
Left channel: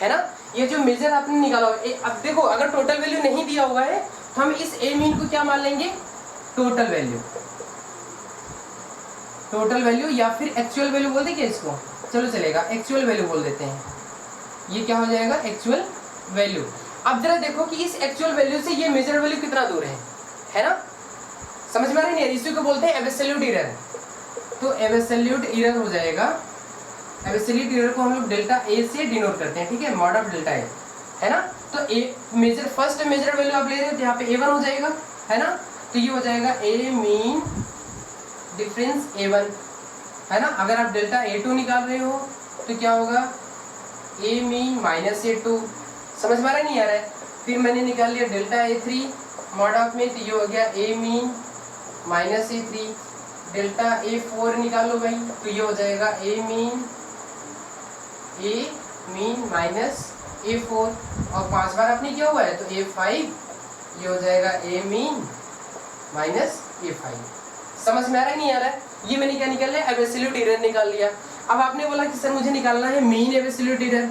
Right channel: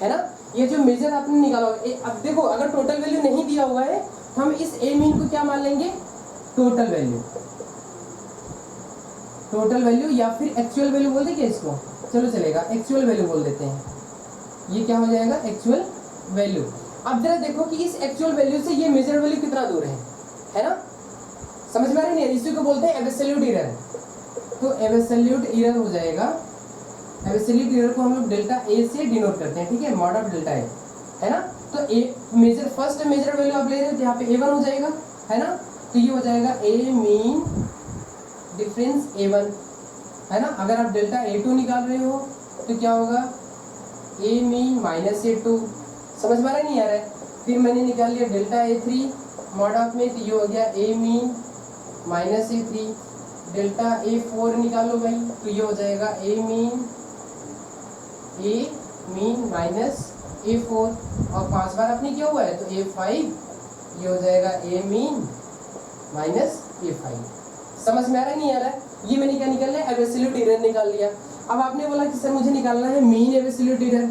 है ना, ये जो मेजर आपने निकाला हुआ। अब देखो अगर टोटल वैल्यू नहीं दिया हुआ है तो हम इस ए मीन को क्या मान लेंगे, टोटल वैल्यू या फिर एक्चुअल वैल्यू बोल दे क्या इसको, चलो चलेगा, एक्चुअल वैल्यू बोल देते हैं, ये क्या हो जाएगा एक्चुअल वैल्यू। अब जरा देखो कि इस एक्चुअल वैल्यू से ये मेजर वैल्यू कितना दूर है ना, समझ में आ रही है, इसी को बोलते हैं एब्सोल्यूट एरर। तो एब्सोल्यूट एरर हो जाएगा, एब्सोल्यूट एरर को हम लोग डेल्टा ए से डिनोट करते हैं, ठीक है, मॉड ऑफ डेल्टा ए, है ना। तो ए मेजर फर्स्ट मेजर वैल्यू आप ले रहे हो, तो यहाँ पे A1 हो जाएगा, है ना, तो ये हो जाएगा ए मीन डिफरेंस A1, है ना। अगर आप डेल्टा A2 निकाल रहे हो तो क्या होगा, ए मीन माइनस A2, समझ में आ रहा नहीं आ रहा है। फिर मैंने निकाल लिया डेल्टा A3 मॉड ऑफ में, तो ये हो गया ए mean minus A3, delta A4 निकालो भाई, तो ये हो जाएगा ए मीन माइनस A4, और 5 बार आपने किया हुआ है तो A5, ये हो जाएगा ए मीन माइनस A5। समझ में आ रहा है नहीं आ रहा है, ये मैंने क्या निकाल लिया, एब्सोल्यूट एरर निकाल लिया। अब आपने बोला कि सर मुझे निकालना है मीन एब्सोल्यूट एरर,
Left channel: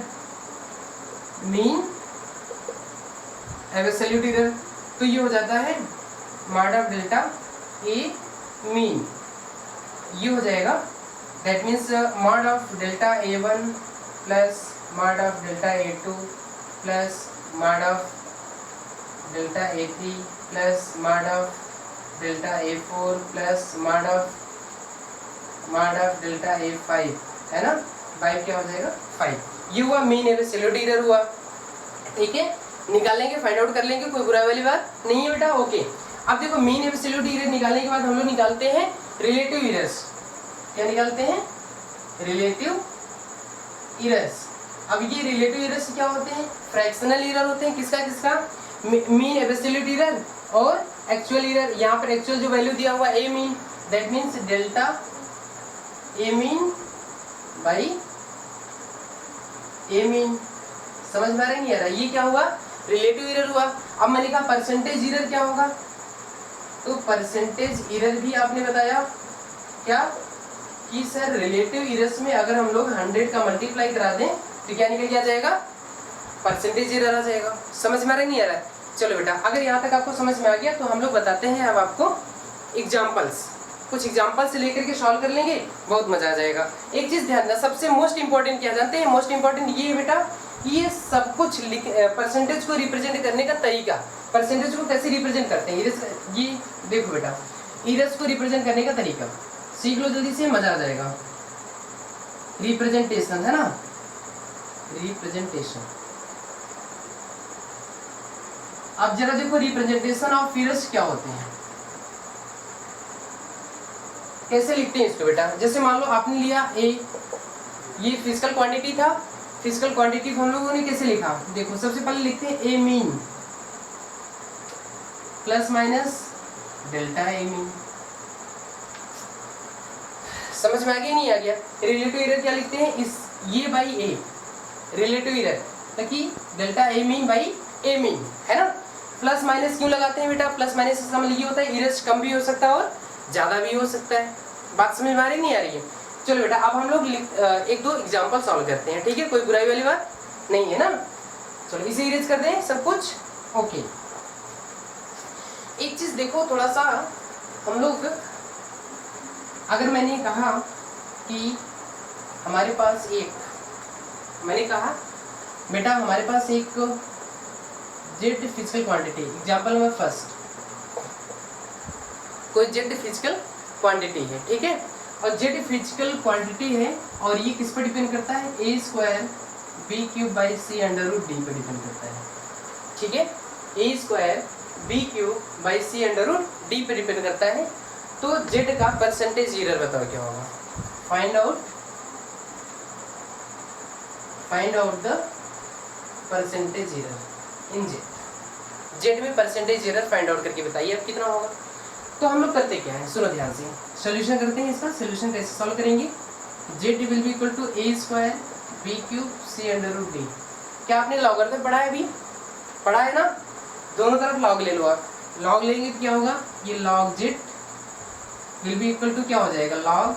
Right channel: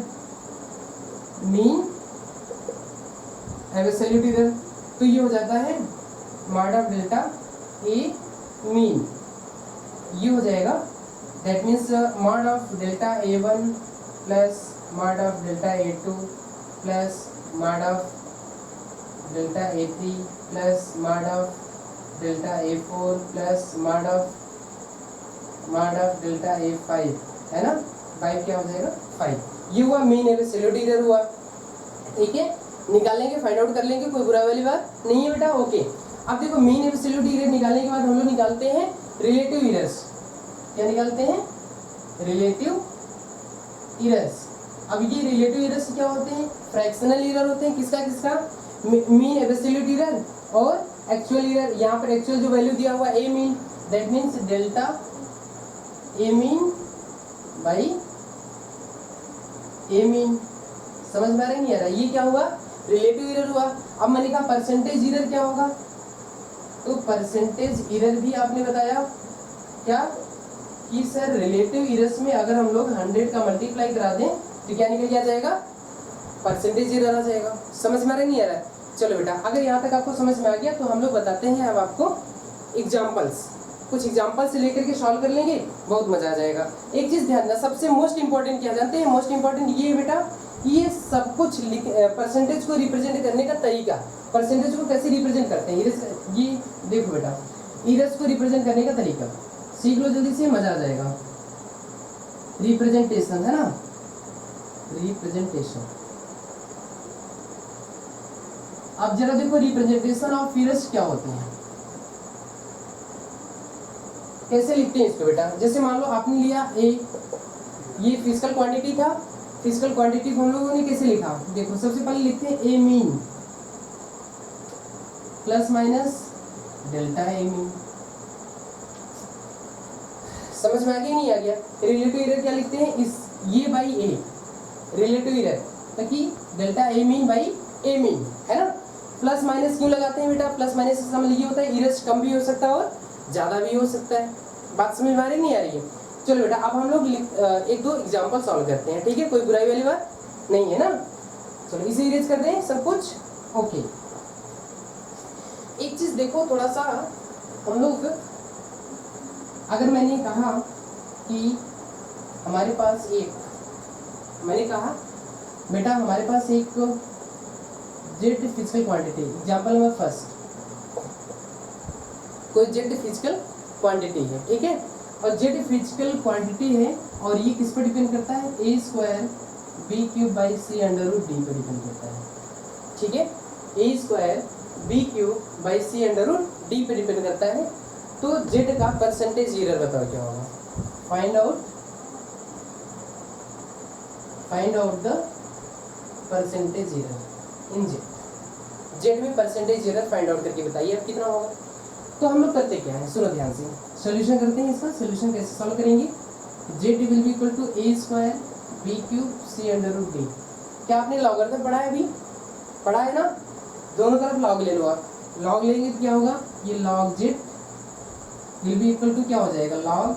तो ये हो जाता है mod of delta A mean, ये हो जाएगा, that means mod of delta A1 plus mod of delta A2 plus mod of delta A3 plus mod of delta A4 plus mod of delta A5, है ना, 5 क्या हो जाएगा 5। ये हुआ मीन एब्सोल्यूट एरर हुआ, ठीक है, निकालेंगे, फाइंड आउट कर लेंगे, कोई बुरा वाली बात नहीं है बेटा, ओके। अब देखो मीन एब्सोल्यूट एरर निकालने के बाद हम लोग निकालते हैं रिलेटिव एरर्स। क्या निकालते हैं, रिलेटिव एरर्स। अब ये रिलेटिव एरर्स क्या होते हैं, फ्रैक्शनल एरर होते हैं, किसका मीन एब्सोल्यूट एरर और एक्चुअल एरर। यहाँ पर एक्चुअल जो वैल्यू दिया हुआ A mean, that means delta A mean by A mean, समझ में आ रहा है नहीं आ रहा, ये क्या हुआ, रिलेटिव एरर हुआ। अब मैंने कहा परसेंटेज एरर क्या होगा, तो परसेंटेज एरर भी आपने बताया क्या कि सर रिलेटिव एरर्स में अगर हम लोग 100 का मल्टीप्लाई करा दें तो क्या निकल के आ जाएगा, परसेंटेज एरर आ जाएगा। समझ में आ रहा नहीं आ रहा है, चलो बेटा अगर यहाँ तक आपको समझ में आ गया तो हम लोग बताते हैं अब आपको एग्जाम्पल्स, कुछ एग्जाम्पल से लेकर के सॉल्व कर लेंगे, बहुत मजा आ जाएगा। एक चीज ध्यान देना, सबसे मोस्ट इंपॉर्टेंट क्या जानते हैं, मोस्ट इंपॉर्टेंट ये है बेटा, ये सब कुछ परसेंटेज को रिप्रेजेंट करने का तरीका, परसेंटेज को कैसे रिप्रेजेंट करते हैं, ये देखो बेटा, इरस को रिप्रेजेंट करने का तरीका सीख लो जल्दी से, मजा आ जाएगा। रिप्रेजेंटेशन, है ना, रिप्रेजेंटेशन। अब जरा देखो रिप्रेजेंटेशन ऑफ इरस क्या होते हैं, कैसे लिखते हैं इसको बेटा। जैसे मान लो आपने लिया ए, ये फिजिकल क्वांटिटी था, फिजिकल क्वांटिटी हम लोगों ने कैसे लिखा, देखो सबसे पहले लिखते हैं ए mean plus minus delta A mean. समझ में आ गया नहीं आ गया? रिलेटिव एरर क्या लिखते हैं, इस ये बाई ए रिलेटिव एरर, ताकि delta A mean by A mean, है ना। प्लस माइनस क्यों लगाते हैं बेटा, प्लस माइनस इसका मतलब ये होता है एरर्स कम भी हो सकता है और ज़्यादा भी हो सकता है। बात समझ में आ रही नहीं आ रही है? चलो बेटा अब हम लोग एक दो एग्जाम्पल सॉल्व करते हैं, ठीक है, कोई बुराई वाली बात नहीं है ना। चलो इसे इरेज कर दें सब कुछ, ओके। एक चीज़ देखो थोड़ा सा, हम लोग अगर मैंने कहा कि हमारे पास एक, मैंने कहा बेटा हमारे पास एक Z physical quantity, example number first, कोई जेड फिजिकल क्वांटिटी है, ठीक है, और जेड फिजिकल क्वांटिटी है और ये किस पर डिपेंड करता है, A square B cube by C under root D पर डिपेंड करता है, ठीक है, A square B cube by C under root D पर डिपेंड करता है। तो जेड का परसेंटेज एरर बताओ क्या होगा, find out the percentage error in Z. Z में परसेंटेज एरर फाइंड आउट करके बताइए अब कितना होगा। तो हम लोग करते क्या है, सुनो ध्यान से, सोल्यूशन करते हैं। इसका सोल्यूशन कैसे सॉल्व करेंगे, Z will be equal to A square B cube C under root D. क्या आपने लॉगरिथम पढ़ा है, अभी पढ़ा है ना, दोनों तरफ लॉग ले लो आप, लॉग लेंगे तो क्या होगा, ये log Z will be equal to क्या हो जाएगा, log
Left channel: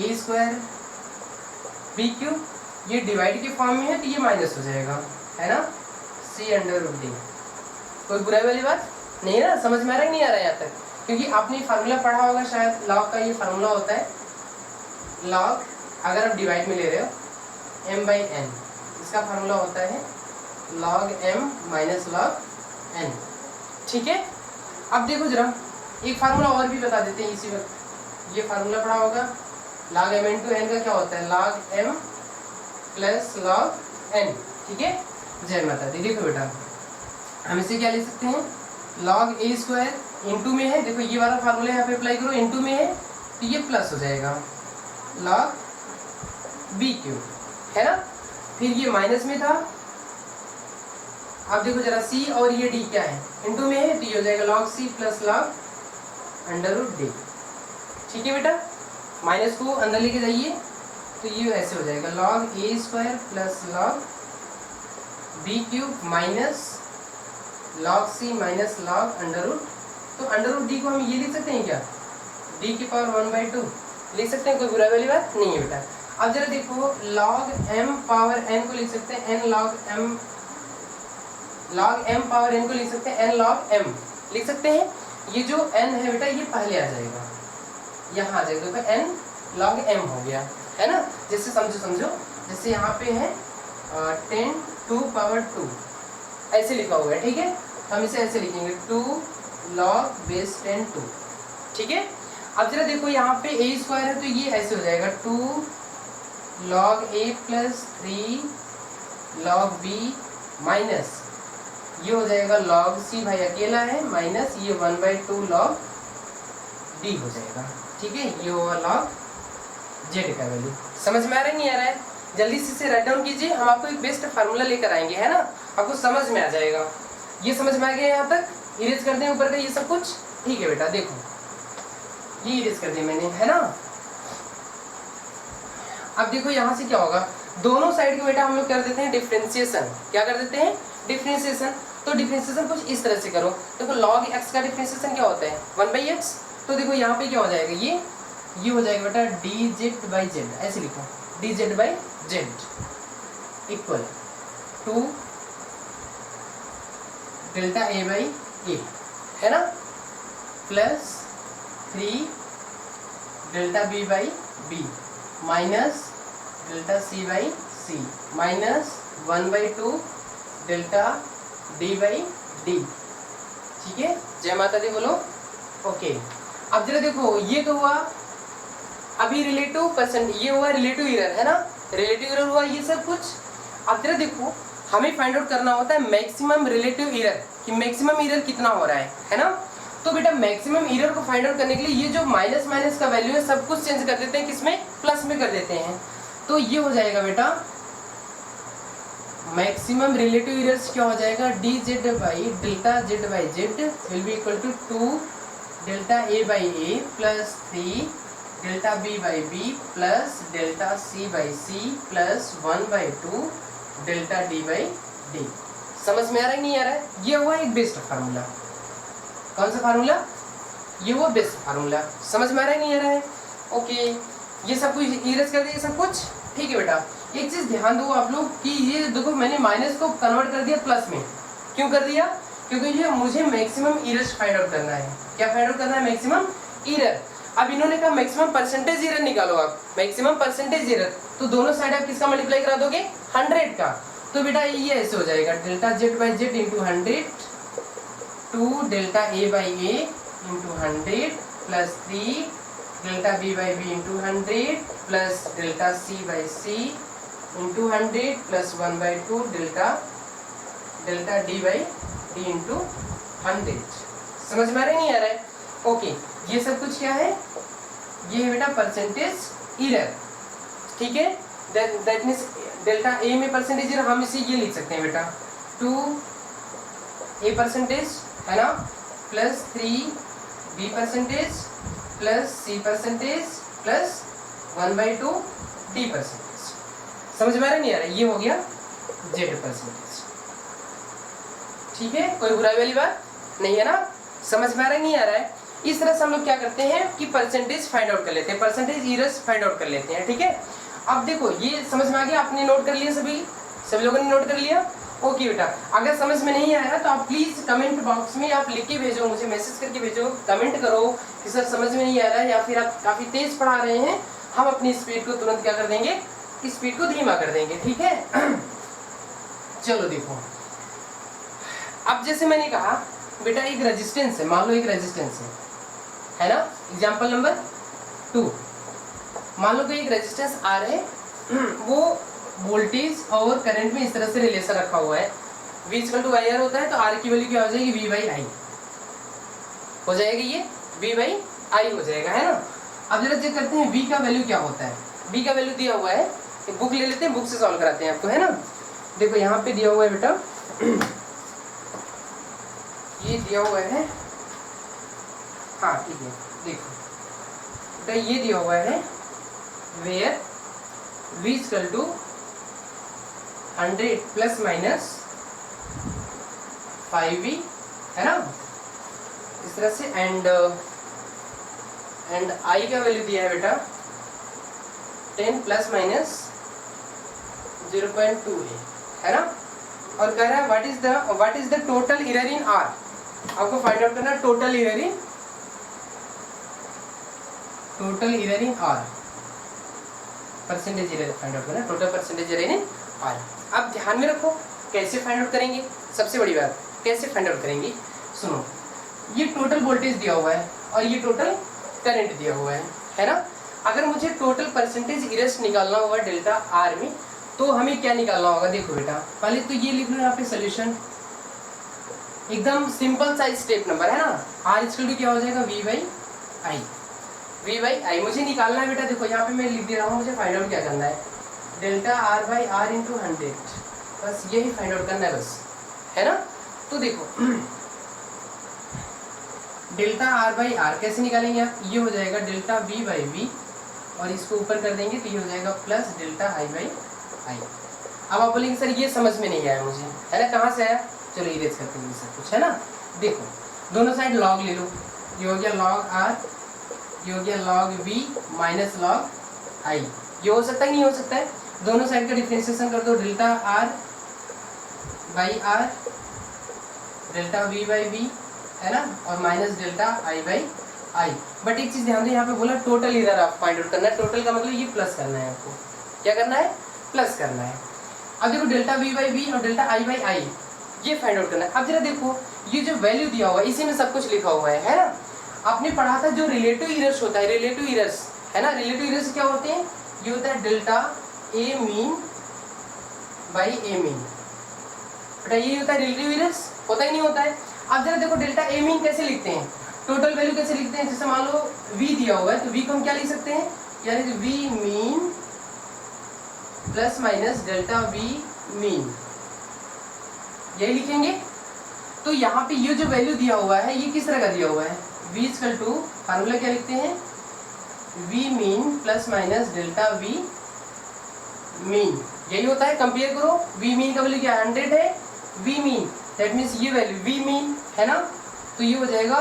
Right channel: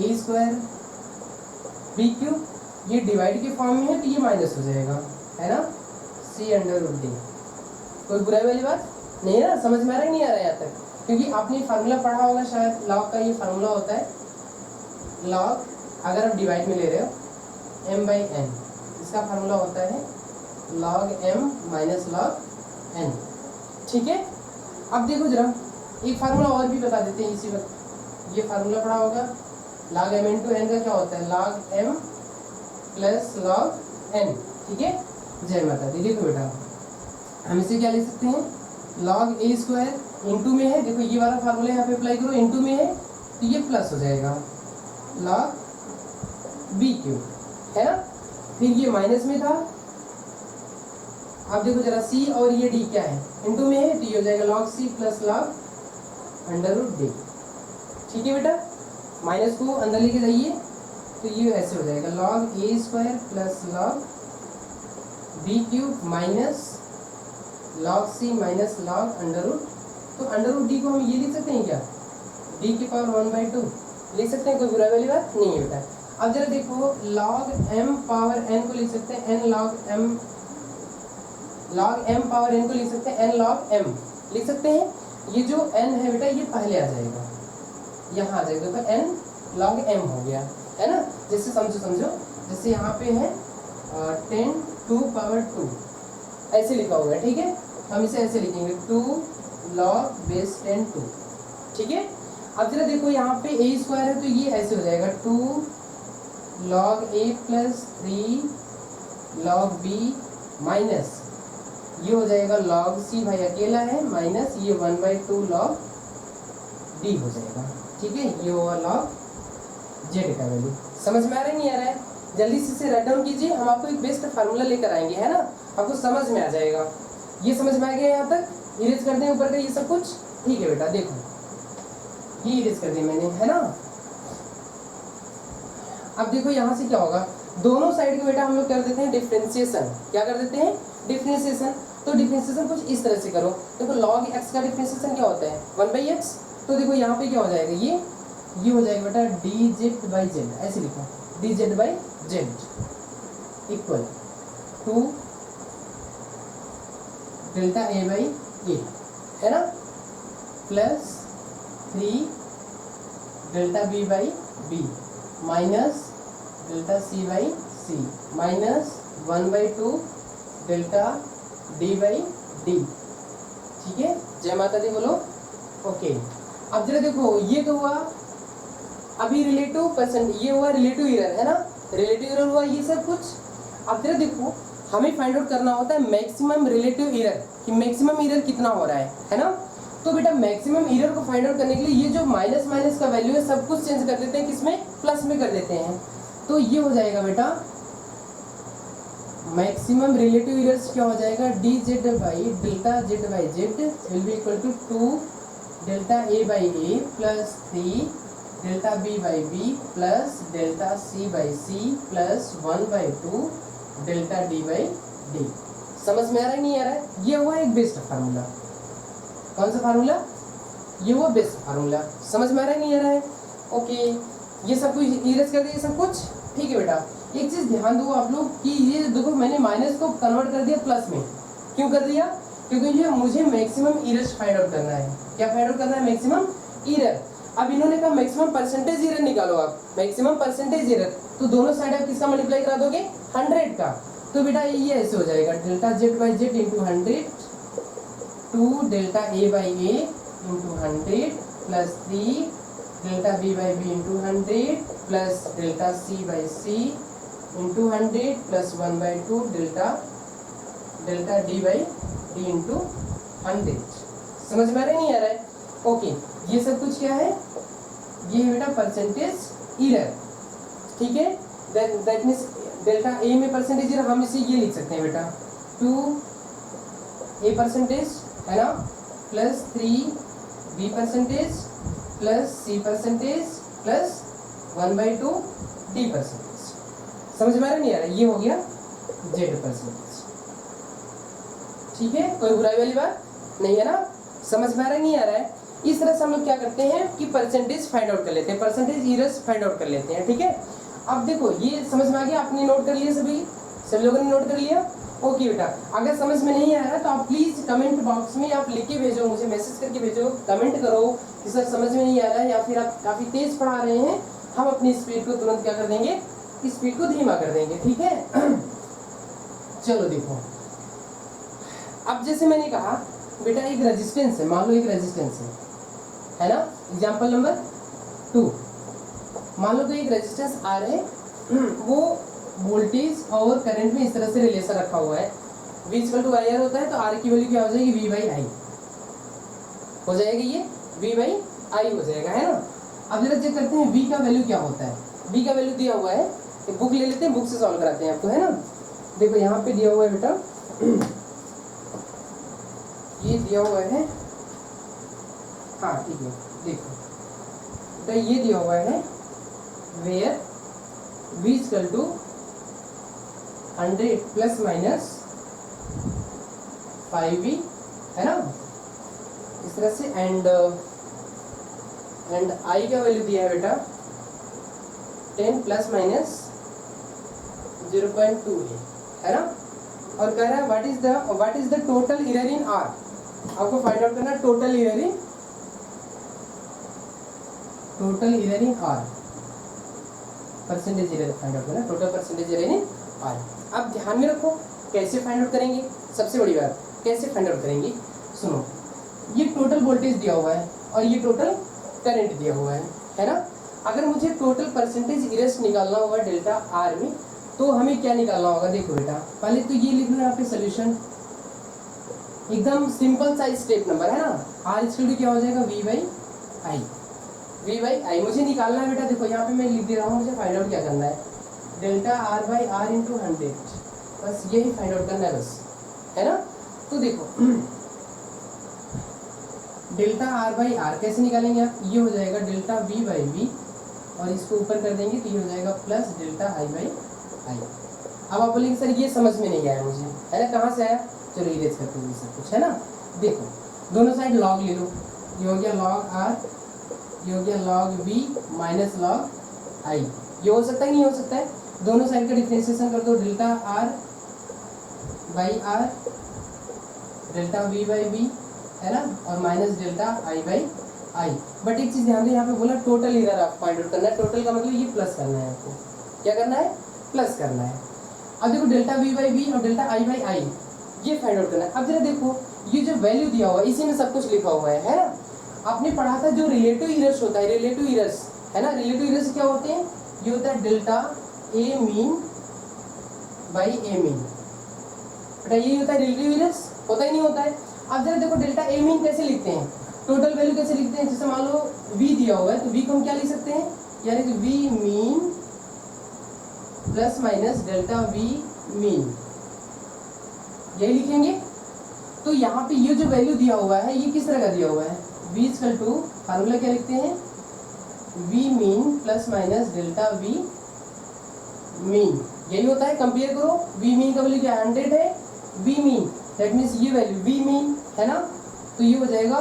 A square B cube, ये डिवाइड के फॉर्म में है तो ये माइनस हो जाएगा, है ना, सी अंडर रूट डी। कोई बुराई वाली बात नहीं है ना, समझ में आ रहा है नहीं आ रहा है यहाँ तक, क्योंकि आपने फार्मूला पढ़ा होगा शायद, लॉग का ये फार्मूला होता है, लॉग अगर आप डिवाइड में ले रहे हो m बाई एन, इसका फार्मूला होता है log m minus log n, ठीक है। अब देखो जरा एक फार्मूला और भी बता देते हैं इसी वक्त, ये फार्मूला पढ़ा होगा, लॉग m इंटू एन का क्या होता है, log m plus log n, ठीक है। जय माता दी। देखो बेटा हम इसे क्या लिख सकते हैं, लॉग ए स्क्वायर इंटू में है, देखो ये वाला फार्मूला यहाँ पे अप्लाई करो, इंटू में है तो ये प्लस हो जाएगा लॉग बी क्यूब, है ना, फिर ये माइनस में था, अब देखो जरा सी और ये डी क्या है, इंटू में है तो ये हो जाएगा log C plus log under root D, ठीक है बेटा। माइनस को अंदर लेके जाइए तो ये ऐसे हो जाएगा log A square plus log B cube minus log C minus log under root, तो अंडर रूट डी को हम ये लिख सकते हैं क्या, डी की पावर 1/2 लिख सकते हैं, कोई बुराई वाली बात नहीं है बेटा। अब जरा देखो लॉग m पावर n को लिख सकते हैं n log m, log m power n को लिख सकते हैं n लॉग m लिख सकते हैं। ये जो n है बेटा ये पहले आ जाएगा, यहाँ आ जाएगा, तो n लॉग m हो गया, है ना। जैसे समझो जैसे यहाँ पे है 10 2 पावर 2 ऐसे लिखा हुआ है, ठीक है, हम इसे ऐसे लिखेंगे 2 लॉग बेस 10 2, ठीक है। अब जरा देखो यहाँ पे ए स्क्वायर है तो ये ऐसे हो जाएगा 2 लॉग ए प्लस 3 लॉग बी माइनस ये हो जाएगा लॉग सी, भाई अकेला है, माइनस ये 1/2 लॉग डी हो जाएगा, ठीक है। ये होगा लॉग जेड का वैल्यू। समझ में आ रहा है नहीं आ रहा है, जल्दी से इसे राइट डाउन कीजिए, हम आपको एक बेस्ट फार्मूला लेकर आएंगे, है ना, आपको समझ में आ जाएगा। ये समझ में आ गया यहाँ तक, इरेज कर दें ऊपर का ये सब कुछ, ठीक है बेटा। देखो ये इरेज कर दिया मैंने, है ना। अब देखो यहाँ से क्या होगा, दोनों साइड को बेटा हम लोग कर देते हैं डिफरेंशिएशन, क्या कर देते हैं, डिफरेंशिएशन। तो डिफरेंशिएशन कुछ इस तरह से करो, देखो लॉग एक्स का डिफरेंशिएशन क्या होता है 1/x, तो देखो यहाँ पे क्या हो जाएगा, ये हो जाएगा बेटा डी जेड बाई जेड, ऐसे लिखो D Z by Z equal to delta A by A, है ना, plus 3 delta B by B minus delta C by C minus 1/2 delta D by D, ठीक है। जय माता दी बोलो, ओके। अब जरा देखो ये तो हुआ अभी रिलेटिव परसेंट, ये हुआ रिलेटिव एरर, है ना, रिलेटिव एरर हुआ ये सब कुछ। अब जरा देखो हमें फाइंड आउट करना होता है मैक्सिमम रिलेटिव एरर, कि मैक्सिमम एरर कितना हो रहा है ना। तो बेटा मैक्सिमम एरर को फाइंड आउट करने के लिए ये जो माइनस माइनस का वैल्यू है सब कुछ चेंज कर देते हैं, किसमें, प्लस में कर देते हैं। तो ये हो जाएगा बेटा मैक्सिमम रिलेटिव एरर्स क्या हो जाएगा, D Z by delta Z by Z will be equal to 2 delta A by A plus 3 delta B by B plus delta C by C plus 1/2 delta D by D. समझ में आ रहा है नहीं आ रहा है? ये हुआ एक बेस्ट फार्मूला। कौन सा फार्मूला? ये वो बेस्ट फार्मूला। समझ में आ रहा है नहीं आ रहा है? ओके, ये सब कुछ इरेज कर दिया सब कुछ, ठीक है बेटा। एक चीज ध्यान दो आप लोग कि ये देखो मैंने माइनस को कन्वर्ट कर दिया प्लस में। क्यों कर दिया? क्योंकि ये मुझे मैक्सिमम इरेज फाइंड आउट करना है। क्या फाइंड आउट करना है? Maximum error. अब इन्होंने कहा मैक्सिमम परसेंटेज इरर निकालो आप, मैक्सिमम परसेंटेज इरर, तो दोनों साइड आप किसका मल्टीप्लाई करा दोगे? 100 का। तो बेटा ये ऐसे हो जाएगा delta Z by Z into 100 2 delta A by A into 100 plus 3 delta B by B into 100 plus delta C by C into 100 plus 1/2 delta D by D into 100। समझ में आ रहा है नहीं आ रहा है? ओके, ये सब कुछ क्या है? ये है बेटा परसेंटेज इरर, ठीक है। दैट मीन्स डेल्टा ए में परसेंटेज इरर हम इसे ये लिख सकते हैं बेटा 2 ए परसेंटेज है ना plus 3 be percentage plus C percentage plus 1/2 D percentage. समझ में आ रहा है नहीं आ रहा है? ये हो गया जेड परसेंटेज, ठीक है। कोई बुराई वाली बात नहीं है ना? समझ में आ रहा है नहीं आ रहा है? इस तरह से हम लोग क्या करते हैं कि परसेंटेज फाइंड आउट कर लेते हैं, परसेंटेज इरर्स फाइंड आउट कर लेते हैं, ठीक है। अब देखो ये समझ में आ गया, आपने नोट कर लिया, सभी लोगों ने नोट कर लिया? ओके बेटा, अगर समझ में नहीं आया तो आप प्लीज कमेंट बॉक्स में आप लिख के भेजो, मुझे मैसेज करके भेजो, कमेंट करो कि सर समझ में नहीं आ रहा है या फिर आप काफी तेज पढ़ा रहे हैं, हम अपनी स्पीड को तुरंत क्या कर देंगे, स्पीड को धीमा कर देंगे, ठीक है। चलो देखो, अब जैसे मैंने कहा बेटा एक रेजिस्टेंस है, मान लो एक रेजिस्टेंस है ना। एग्जांपल नंबर 2, मान लो कि एक रेजिस्टेंस आर है, वो वोल्टेज और करंट में इस तरह से रिलेशन रखा हुआ है, V equal to I R होता है, तो आर की वैल्यू क्या हो जाएगी, V बाई आई हो जाएगी, ये V बाई आई हो जाएगा, है ना। अब जरा चेक करते हैं V का वैल्यू क्या होता है। V का वैल्यू दिया हुआ है, एक बुक ले लेते हैं, बुक से सॉल्व कराते हैं आपको, है ना। देखो यहाँ पे दिया हुआ है बेटा, ये दिया हुआ है, हाँ ठीक है, देखो बेटा ये दिया हुआ है where V equal to 100 plus minus 5V, है ना, इस तरह से। एंड I का वैल्यू दिया है बेटा 10 प्लस माइनस 0.2A, है ना। और कह रहा है what is the total error in R। आपको फाइंड आउट करना है total error in R, percentage error find out करना, total percentage error in R। अब ध्यान में रखो कैसे फाइंड आउट करेंगे, सबसे बड़ी बात कैसे फाइंड आउट करेंगे। सुनो, ये टोटल वोल्टेज दिया हुआ है और ये टोटल करंट दिया हुआ है ना। अगर मुझे टोटल परसेंटेज इरर्स निकालना होगा डेल्टा आर में, तो हमें क्या निकालना होगा। देखो बेटा, पहले तो ये लिख लो यहाँ पे सोल्यूशन, एकदम सिंपल सा स्टेप नंबर, है ना। आर इक्वल टू क्या हो जाएगा, V बाई आई मुझे निकालना है बेटा। देखो यहाँ पे मैं लिख दे रहा हूँ, मुझे फाइंड आउट क्या करना है, delta R by R into 100, बस यही फाइंड आउट करना है बस, है ना। तो देखो डेल्टा आर बाई आर कैसे निकालेंगे आप, ये हो जाएगा डेल्टा V बाई V और इसको ऊपर कर देंगे तो ये हो जाएगा plus delta I by I. अब आप बोलेंगे सर ये समझ में नहीं आया मुझे, है ना, कहाँ से आया। चलो इरेज करते हैं सब कुछ, है ना। देखो दोनों साइड लॉग ले लो, ये हो गया लॉग आर, ये हो गया log V minus log I. ये हो सकता है नहीं हो सकता है, दोनों साइड का डिफरेंशिएशन कर दो, delta R by R delta V by V, है ना, और minus delta I by I. But एक चीज ध्यान दो, यहाँ पे बोला टोटल इरर आप फाइंड आउट करना है, टोटल का मतलब ये प्लस करना है आपको, क्या करना है, प्लस करना है। अब देखो डेल्टा V बाई V और डेल्टा I बाई आई ये फाइंड आउट करना है। अब जरा देखो ये जो वैल्यू दिया हुआ है इसी में सब कुछ लिखा हुआ है ना। आपने पढ़ा था जो रिलेटिव इरर्स होता है, रिलेटिव इरर्स, है ना। रिलेटिव इरर्स क्या होते हैं, ये होता है delta A mean by A mean, बेटा यही होता है रिलेटिव इरर्स, होता ही नहीं होता है। अब जरा देखो डेल्टा ए मीन कैसे लिखते हैं, टोटल वैल्यू कैसे लिखते हैं। जैसे मान लो V दिया हुआ है तो V को हम क्या लिख सकते हैं, यानी कि V mean plus minus delta V mean, यही लिखेंगे। तो यहाँ पे ये जो वैल्यू दिया हुआ है ये किस तरह का दिया हुआ है, v इक्वल टू फार्मूला क्या लिखते हैं, v mean plus minus delta v mean, यही होता है। कंपेयर करो, v मीन का वैल्यू क्या 100 है, v मीन दैट मीन्स ये वैल्यू v मीन है ना, तो ये हो जाएगा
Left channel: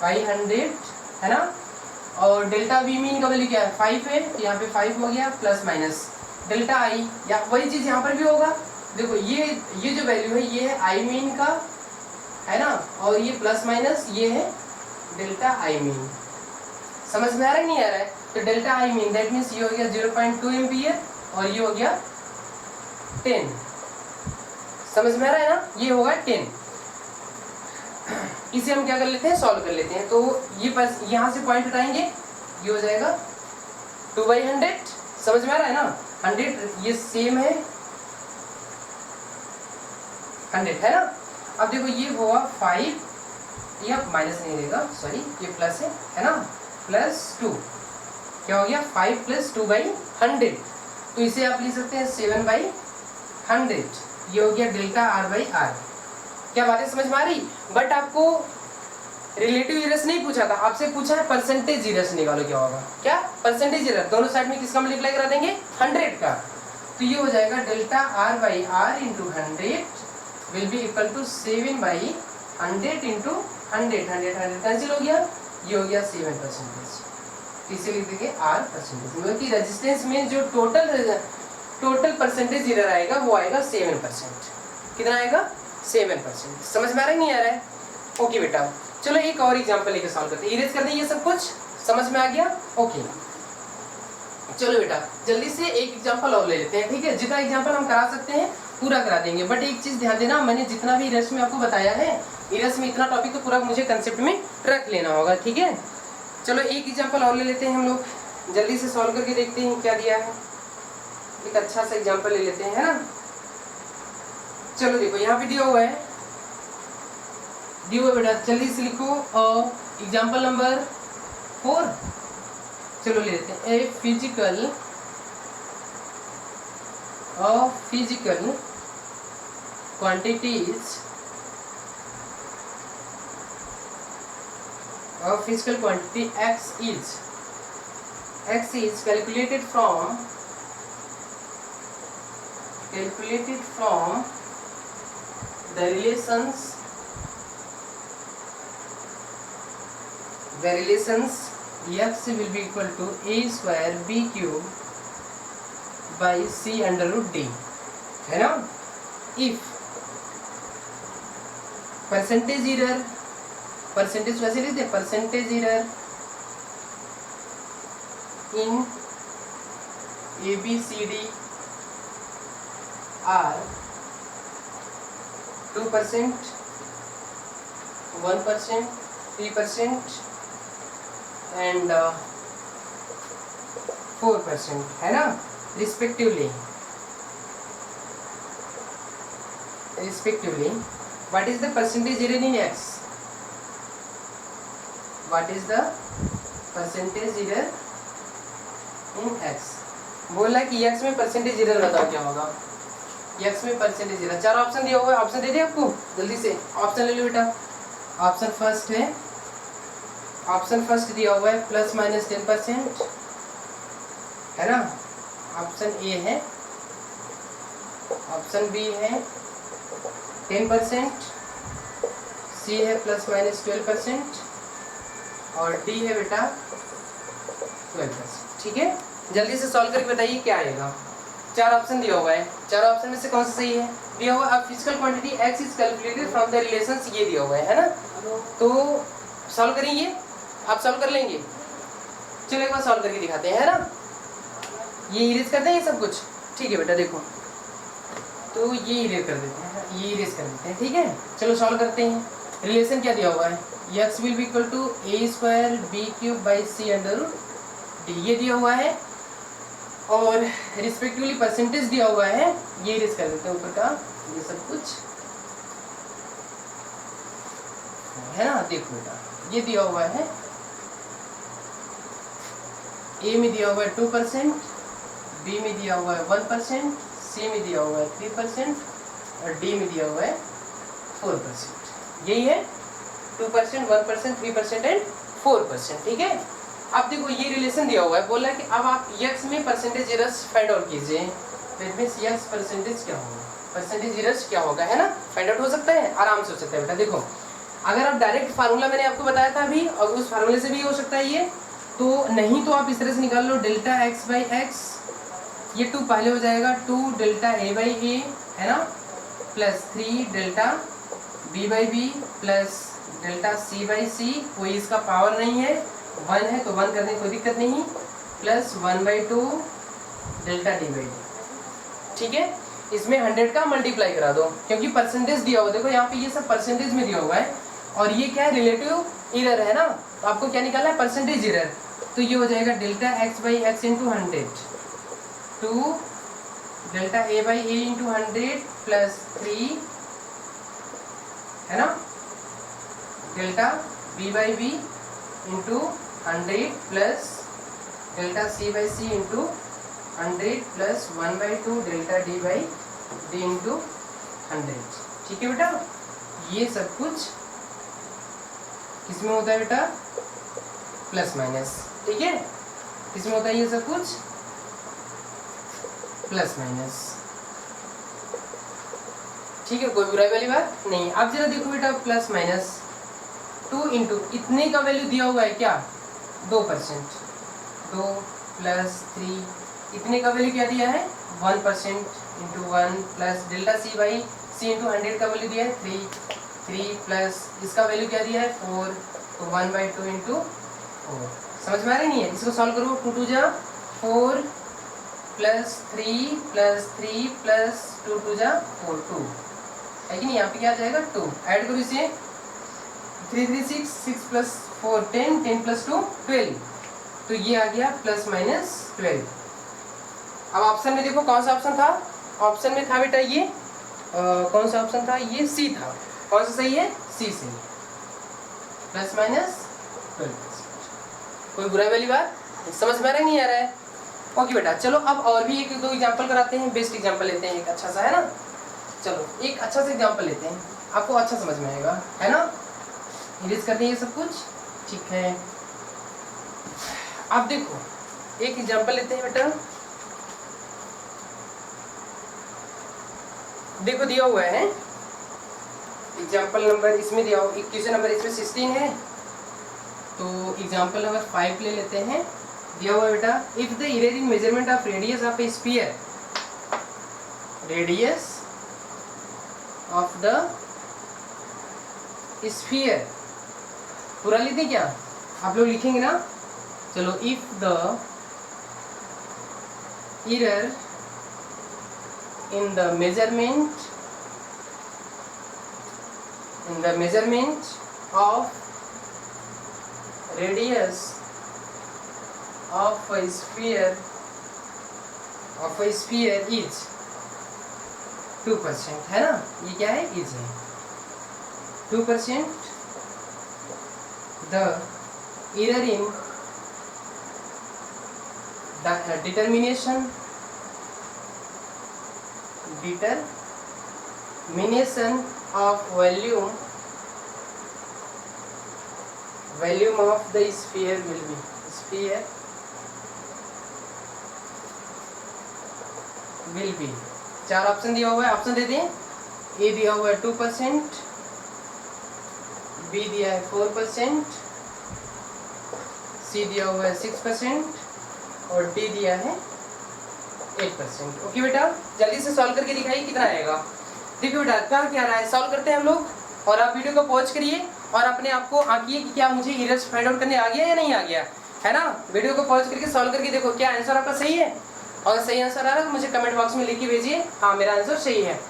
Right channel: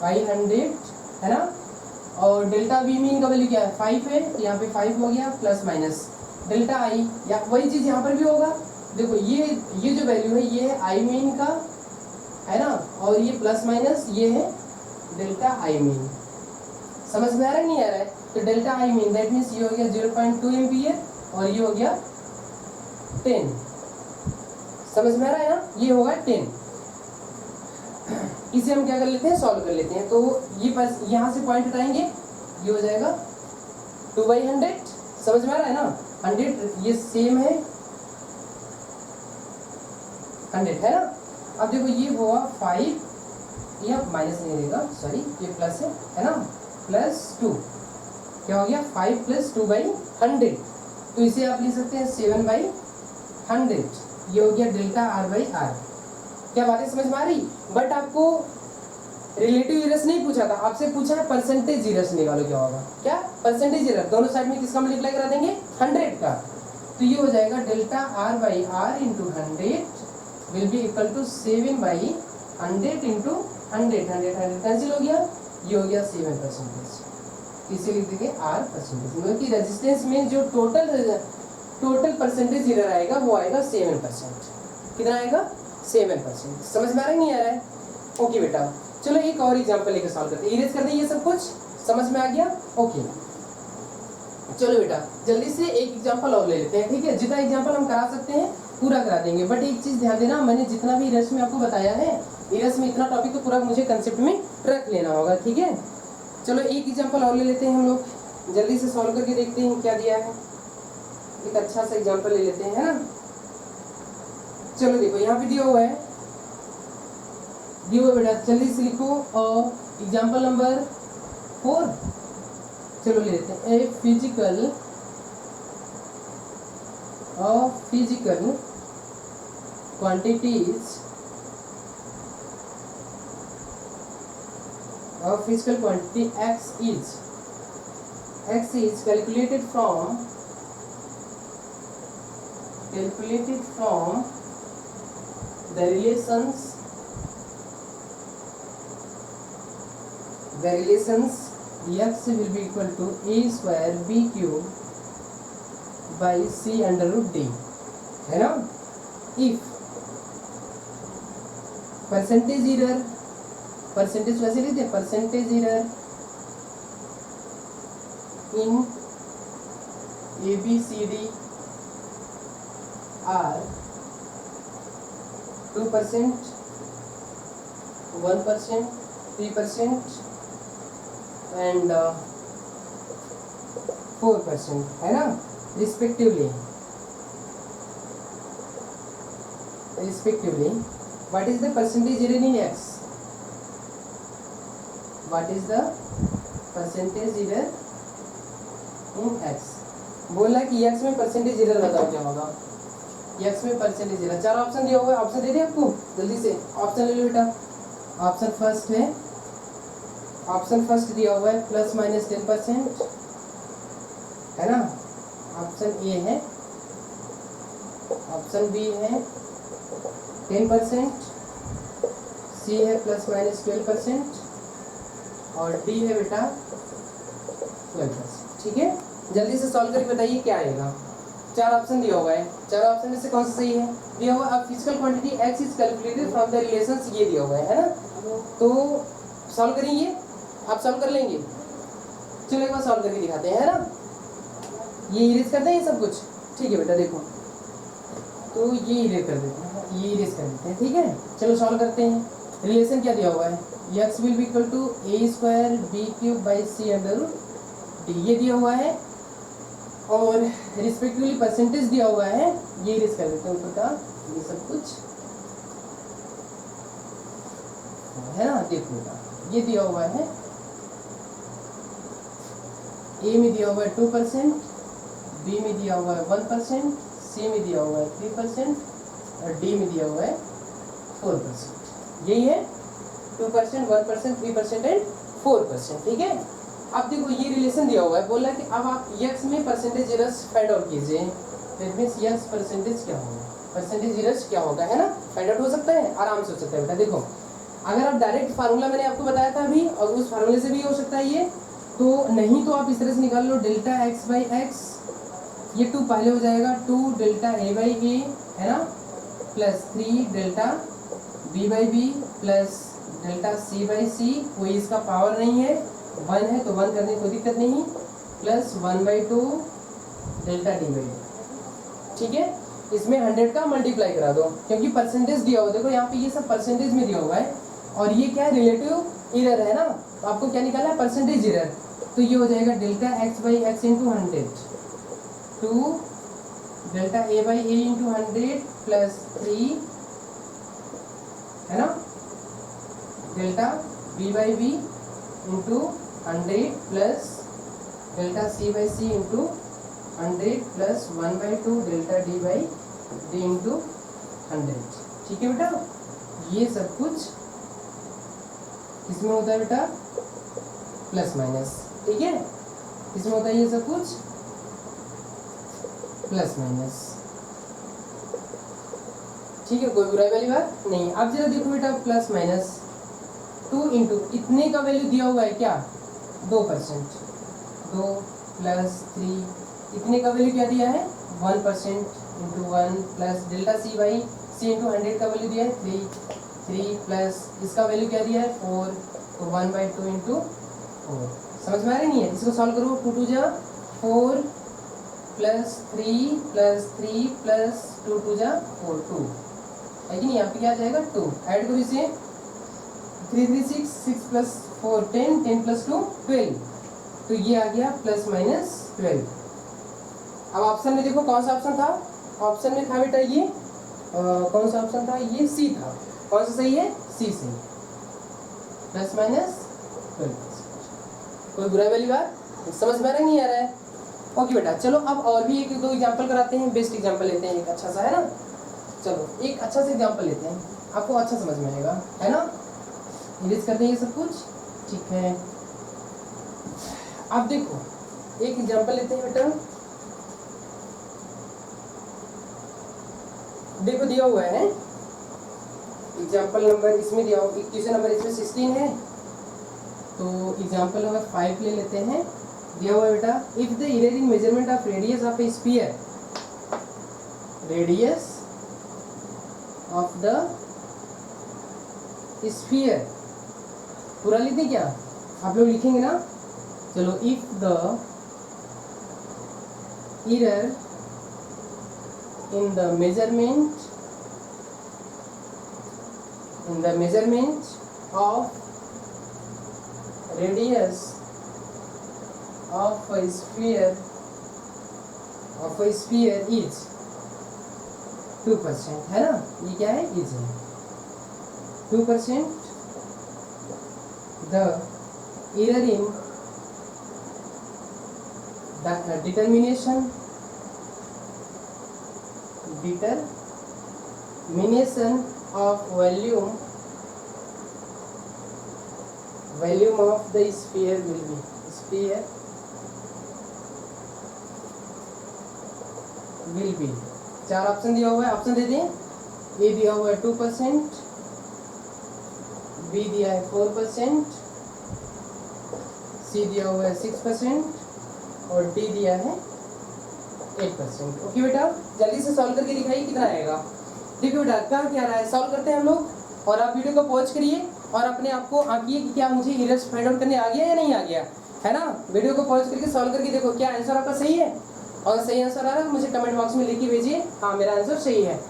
बाई 100 है ना, और डेल्टा v मीन का वैल्यू क्या है 5 है, तो यहाँ पे 5 हो गया प्लस माइनस डेल्टा i, या वही चीज यहाँ पर भी होगा। देखो ये जो वैल्यू है ये है i मीन का है ना, और ये प्लस माइनस ये है डेल्टा i मीन। समझ में आ रहा है नहीं आ रहा है, तो delta i mean that means ये हो गया 0.2 एम्पियर और ये हो गया 10। समझ में आ रहा है ना, ये होगा 10। इसे हम क्या कर लेते हैं, सॉल्व कर लेते हैं। तो ये बस यहाँ से पॉइंट हटाएंगे, ये हो जाएगा 2/100। समझ में आ रहा है ना, 100 ये सेम है 100 है ना। अब देखो ये हुआ 5, ये अब माइनस नहीं देगा, सॉरी ये प्लस है ना, +2 क्या हो गया 5 + 2/100, तो इसे आप लिख सकते हैं 7/100, ये हो गया डेल्टा r/r। क्या बातें समझ में आ रही। बट आपको रिलेटिव इरर्स नहीं पूछा था, आपसे पूछा है परसेंटेज इरर्स निकालो, क्या होगा, क्या परसेंटेज इरर दोनों साइड में किसका मल्टीप्लाई करा देंगे 100 का, तो ये हो जाएगा delta r/r × 100 will be equal to 7/100 × 100 cancel हो गया, ये हो गया 7%। इसे लिख देंगे r%, मतलब कि रेजिस्टेंस में जो टोटल परसेंटेज इरर आएगा वो आएगा 7%। कितना आएगा 7%। समझ में आ रहा है नहीं आ रहा है, ओके बेटा। चलो एक और एग्जांपल लेके सॉल्व करते हैं, इरेज कर दें ये सब कुछ, समझ में आ गया, ओके। चलो बेटा जल्दी से एक एग्जांपल और ले लेते हैं, ठीक है। जितना एग्जांपल हम करा सकते हैं पूरा करा देंगे, बट एक चीज ध्यान देना, मैंने जितना भी इरेज में आपको बताया है, इरेज में इतना टॉपिक तो पूरा मुझे कंसेप्ट में रख लेना होगा, ठीक है। चलो एक एग्जांपल और ले लेते हैं हम लोग, जल्दी से सॉल्व करके देखते हैं क्या दिया है। एक अच्छा सा एग्जांपल ले लेते हैं, है ना। चलो देखो यहाँ पे दिया हुआ है, दिया हुआ बेटा, जल्दी से लिखो एग्जांपल नंबर 4। चलो ले लेते हैं, a physical quantities of physical quantity x is calculated from the relations x will be equal to a² b³ by c√d, है ना। if परसेंटेज इरर, परसेंटेज वैसे लिखते हैं, percentage error in ABCD are 2%, 1%, 3% and 4%, है ना, respectively. What is the percentage error in x? What is the percentage error in x? बोला कि x में परसेंटेज एरर बताओ क्या होगा, x में परसेंटेज एरर। 4 ऑप्शन दिया हुआ है, ऑप्शन दे दिया आपको, जल्दी से ऑप्शन ले लो बेटा। ऑप्शन फर्स्ट है, ऑप्शन फर्स्ट दिया हुआ है ±10%, है ना। ऑप्शन ए है, ऑप्शन बी है 10%, सी है ±12% और डी है बेटा 12%, ठीक है। जल्दी से सॉल्व करके बताइए क्या आएगा। 4 ऑप्शन दिया हुआ है, 4 ऑप्शन में से कौन सा सही है, दिया हुआ अब physical quantity x is calculated from the relations, ये दिया हुआ है ना। तो सॉल्व करेंगे, आप सॉल्व कर लेंगे। चलो एक बार सॉल्व करके दिखाते हैं, है ना। ये इरेज करते हैं ये सब कुछ, ठीक है बेटा। देखो तो ये इरेज कर देते हैं, ये इरेज कर देते हैं, ठीक है। चलो सॉल्व करते हैं। रिलेशन क्या दिया हुआ है, x will be equal to a² b³ by c√d, ये दिया हुआ है, और रिस्पेक्टिवली परसेंटेज दिया हुआ है, ये इरेज कर देते हैं ऊपर का ये सब कुछ, है ना। देखो बेटा ये दिया हुआ है, ए में दिया हुआ है 2%, बी में दिया हुआ है 1%, सी में दिया हुआ है 3% और डी में दिया हुआ है 4%। यही है 2%, 1%, 3% एंड 4%। ठीक है, अब देखो ये रिलेशन दिया हुआ है, बोला कि अब आप यक्स में परसेंटेज एरर्स फाइंड आउट कीजिए। दैट मींस यक्स परसेंटेज क्या होगा, परसेंटेज एरर्स क्या होगा, है ना, फाइंड आउट हो सकता है, आराम से हो सकता है बेटा। देखो अगर आप डायरेक्ट फार्मूला मैंने आपको बताया था अभी, और उस फार्मूले से भी हो सकता है ये, तो नहीं तो आप इस तरह से निकाल लो, डेल्टा एक्स बाई एक्स, ये 2 पहले हो जाएगा, 2 डेल्टा ए बाई ए, है ना, plus 3 delta B by B plus delta C by C, कोई इसका पावर नहीं है, 1 है तो 1 करने की कोई दिक्कत नहीं, plus 1/2 delta D by D. ठीक है, इसमें 100 का मल्टीप्लाई करा दो, क्योंकि परसेंटेज दिया हुआ, देखो यहाँ पे ये सब परसेंटेज में दिया हुआ है, और ये क्या है, रिलेटिव एरर है ना, तो आपको क्या निकालना है, परसेंटेज एरर। तो ये हो जाएगा delta X by X into 100, 2 delta A by A into 100 plus 3, है ना, delta B by B into 100 plus delta C by C into 100 plus 1/2 delta D by D into 100। ठीक है बेटा, ये सब कुछ किसमें होता है बेटा, प्लस माइनस। ठीक है, किसमें होता है ये सब कुछ, प्लस माइनस। ठीक है, कोई बुराई वाली बात नहीं। अब जरा देखो बेटा, प्लस माइनस 2 इंटू इतने का वैल्यू दिया हुआ है क्या, 2%, 2 प्लस 3, इतने का वैल्यू क्या दिया है, 1% into 1 plus delta C by C into 100 का वैल्यू दिया है 3 प्लस इसका वैल्यू क्या दिया है 4, तो 1/2 इंटू 4। समझ में आ रही नहीं है, इसको सॉल्व करो, 2 2 जा 4 प्लस 3 प्लस 3 प्लस 2 2 जा 4, 2 है कि नहीं, यहाँ पे क्या आ जाएगा 2, ऐड करो इसे, 3 3 6, 6 प्लस 4 10, 10 प्लस 2 12, तो ये आ गया प्लस माइनस 12। अब ऑप्शन में देखो कौन सा ऑप्शन था, ऑप्शन में था बेटा ये कौन सा ऑप्शन था, ये सी था। कौन सा सही है, सी सही, प्लस माइनस 12%। कोई बुराई वाली बात, समझ में आ रहा है नहीं आ रहा है। ओके बेटा, चलो अब और भी एक दो एग्जांपल कराते हैं, बेस्ट एग्जांपल लेते हैं एक अच्छा सा, है ना, चलो एक अच्छा सा एग्जांपल लेते हैं, आपको अच्छा समझ में आएगा, है ना, इरेज कर दें ये सब कुछ। ठीक है, अब देखो एक एग्जांपल लेते हैं बेटा, देखो दिया हुआ है एग्जांपल नंबर, इसमें दिया हुआ क्वेश्चन नंबर इसमें 16 है, तो एग्जांपल नंबर 5 ले लेते हैं। दिया हुआ है बेटा, if the error in measurement of radius of A sphere, radius of the sphere, पूरा लिख दें क्या, आप लोग लिखेंगे ना, चलो, if the error in the measurement of radius of a sphere is 2%, है ना, ये क्या है, is है 2%, the error in the determination of volume of the sphere will be 4 option दिया हुआ है, ऑप्शन दे दें। ए दिया हुआ है 2%, बी दिया है 4%, सी दिया हुआ है 6% और डी दिया है 8%। ओके बेटा, जल्दी से सॉल्व करके दिखाइए कितना आएगा। देखिए बेटा, क्या रहा है, सॉल्व करते हैं हम लोग, और आप वीडियो को पॉज करिए और अपने आप को आंकिए कि क्या मुझे एरर्स फाइंड आउट करने आ गया या नहीं आ गया, है ना। वीडियो को पॉज करके सॉल्व करके देखो क्या आंसर आपका सही है, और सही आंसर आ रहा है तो मुझे कमेंट बॉक्स में लिख के भेजिए, हाँ मेरा आंसर सही है।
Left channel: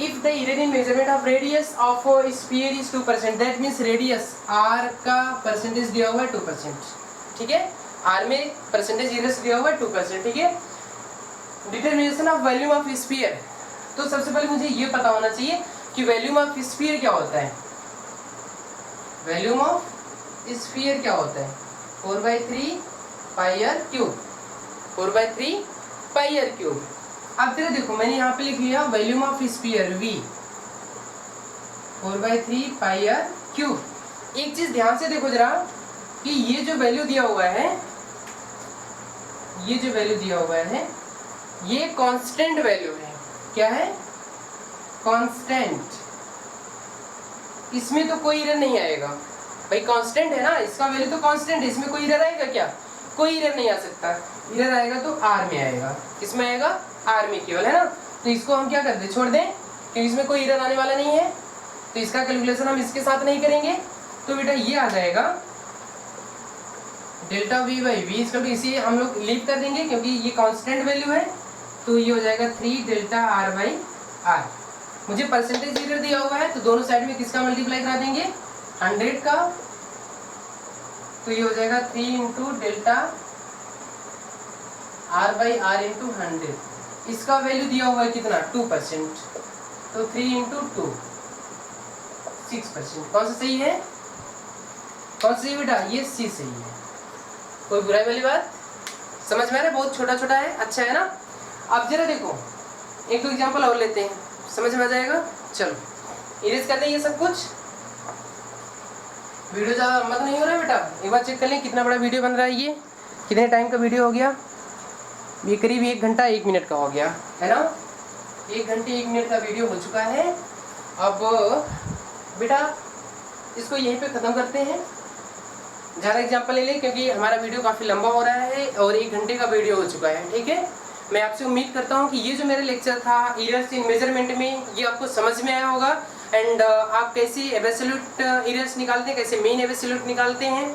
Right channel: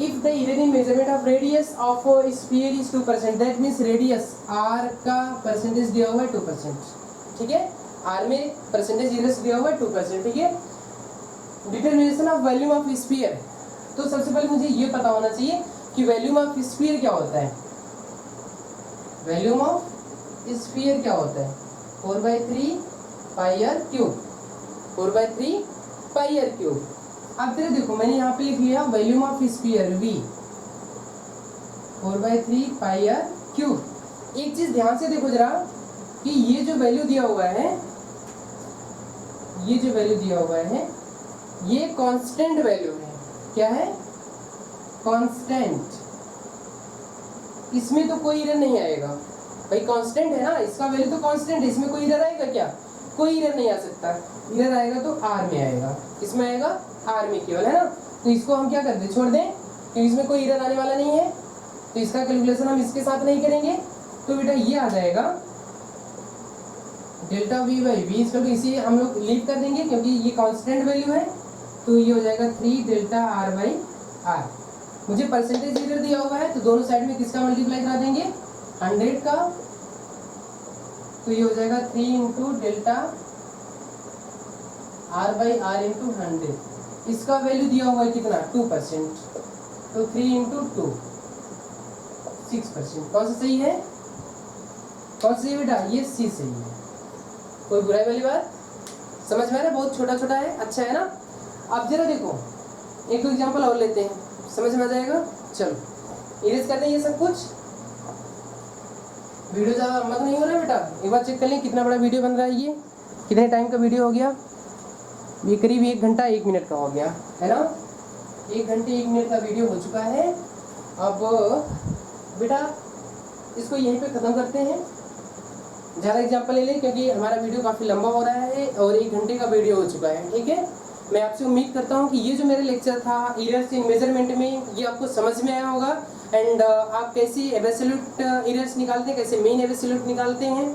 If the error in measurement of radius of sphere is 2%, that means radius R का परसेंटेज दिया हुआ है 2%, ठीक है, आर में परसेंटेज एरर्स दिया हुआ है 2%, ठीक है। Determination of volume of sphere, तो सबसे पहले मुझे ये पता होना चाहिए कि वॉल्यूम ऑफ स्फीयर क्या होता है। वॉल्यूम ऑफ स्फीयर क्या होता है, 4/3 pi R cube, 4/3 pi R cube. अब जरा देखो मैंने यहाँ पे लिख लिया volume of sphere V 4/3 pi r cube. एक चीज ध्यान से देखो जरा कि ये जो वैल्यू दिया हुआ है, ये जो वैल्यू दिया हुआ है ये कांस्टेंट वैल्यू है। क्या है? कांस्टेंट। इसमें तो कोई एरर नहीं आएगा भाई, कांस्टेंट है ना, इसका वैल्यू तो कांस्टेंट है, इसमें कोई एरर आएगा क्या? कोई एरर नहीं आ सकता। एरर आएगा तो r में आएगा। किसमें आएगा? r में केवल, है ना। तो इसको हम क्या कर दें, छोड़ दें, क्योंकि इसमें कोई एरर आने वाला नहीं है, तो इसका कैलकुलेशन हम इसके साथ नहीं करेंगे। तो बेटा ये आ जाएगा डेल्टा V बाई वी इसका, इसी हम लोग लीव कर देंगे क्योंकि ये कांस्टेंट वैल्यू है। तो ये हो जाएगा 3 डेल्टा r बाई r। मुझे परसेंटेज एरर दिया हुआ है तो दोनों साइड में किसका मल्टीप्लाई करा देंगे? 100 का। तो ये हो जाएगा 3 into delta r by r into 100। इसका वैल्यू दिया हुआ है कितना? 2%। तो 3 इंटू 2 6%। कौन सा सही है? कौन सा सही बेटा? ये सी सही है। कोई बुराई वाली बात? समझ में आ रहा है? बहुत छोटा छोटा है, अच्छा है ना। अब जरा देखो एक दो एग्जांपल और लेते हैं, समझ में आ जाएगा। चलो इरेज कर दें ये सब कुछ। वीडियो ज़्यादा लंबा तो नहीं हो रहा है बेटा? एक बार चेक कर लें कितना बड़ा वीडियो बन रहा है। ये कितने टाइम का वीडियो हो गया? ये करीब 1 घंटा 1 मिनट का हो गया, है ना। 1 घंटे 1 मिनट का वीडियो हो चुका है। अब बेटा इसको यहीं पे ख़त्म करते हैं। ज़्यादा एग्जाम्पल ले लें क्योंकि हमारा वीडियो काफ़ी लंबा हो रहा है और 1 घंटे का वीडियो हो चुका है, ठीक है। मैं आपसे उम्मीद करता हूँ कि ये जो मेरा लेक्चर था एरर्स इन मेजरमेंट में, ये आपको समझ में आया होगा। एंड आप कैसे एब्सोल्यूट एरर्स निकालते हैं, कैसे मेन एब्सोल्यूट निकालते हैं,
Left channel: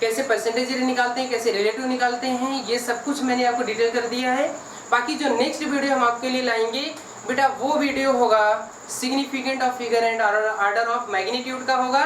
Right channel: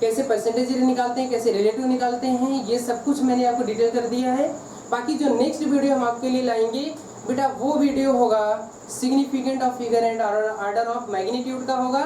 कैसे परसेंटेज एरर निकालते हैं, कैसे रिलेटिव निकालते हैं, ये सब कुछ मैंने आपको डिटेल कर दिया है। बाकी जो नेक्स्ट वीडियो हम आपके लिए लाएंगे बेटा, वो वीडियो होगा significant of figure and order of magnitude का होगा,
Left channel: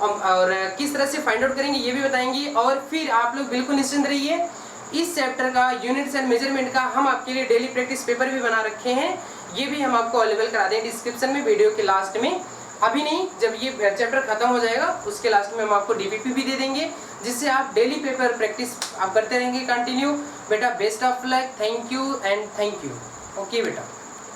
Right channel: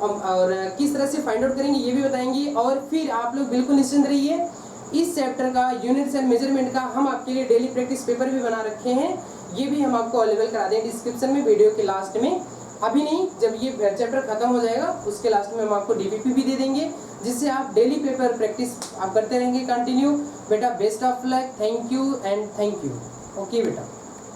और किस तरह से फाइंड आउट करेंगे ये भी बताएंगे। और फिर आप लोग बिल्कुल निश्चिंत रहिए, इस चैप्टर का यूनिट्स एंड मेजरमेंट का हम आपके लिए डेली प्रैक्टिस पेपर भी बना रखे हैं, ये भी हम आपको अवेलेबल करा दें डिस्क्रिप्शन में वीडियो के लास्ट में। अभी नहीं, जब ये चैप्टर खत्म हो जाएगा उसके लास्ट में हम आपको DPP भी दे देंगे, जिससे आप डेली पेपर प्रैक्टिस आप करते रहेंगे कंटिन्यू। बेटा best of luck, thank you and thank you. Okay बेटा।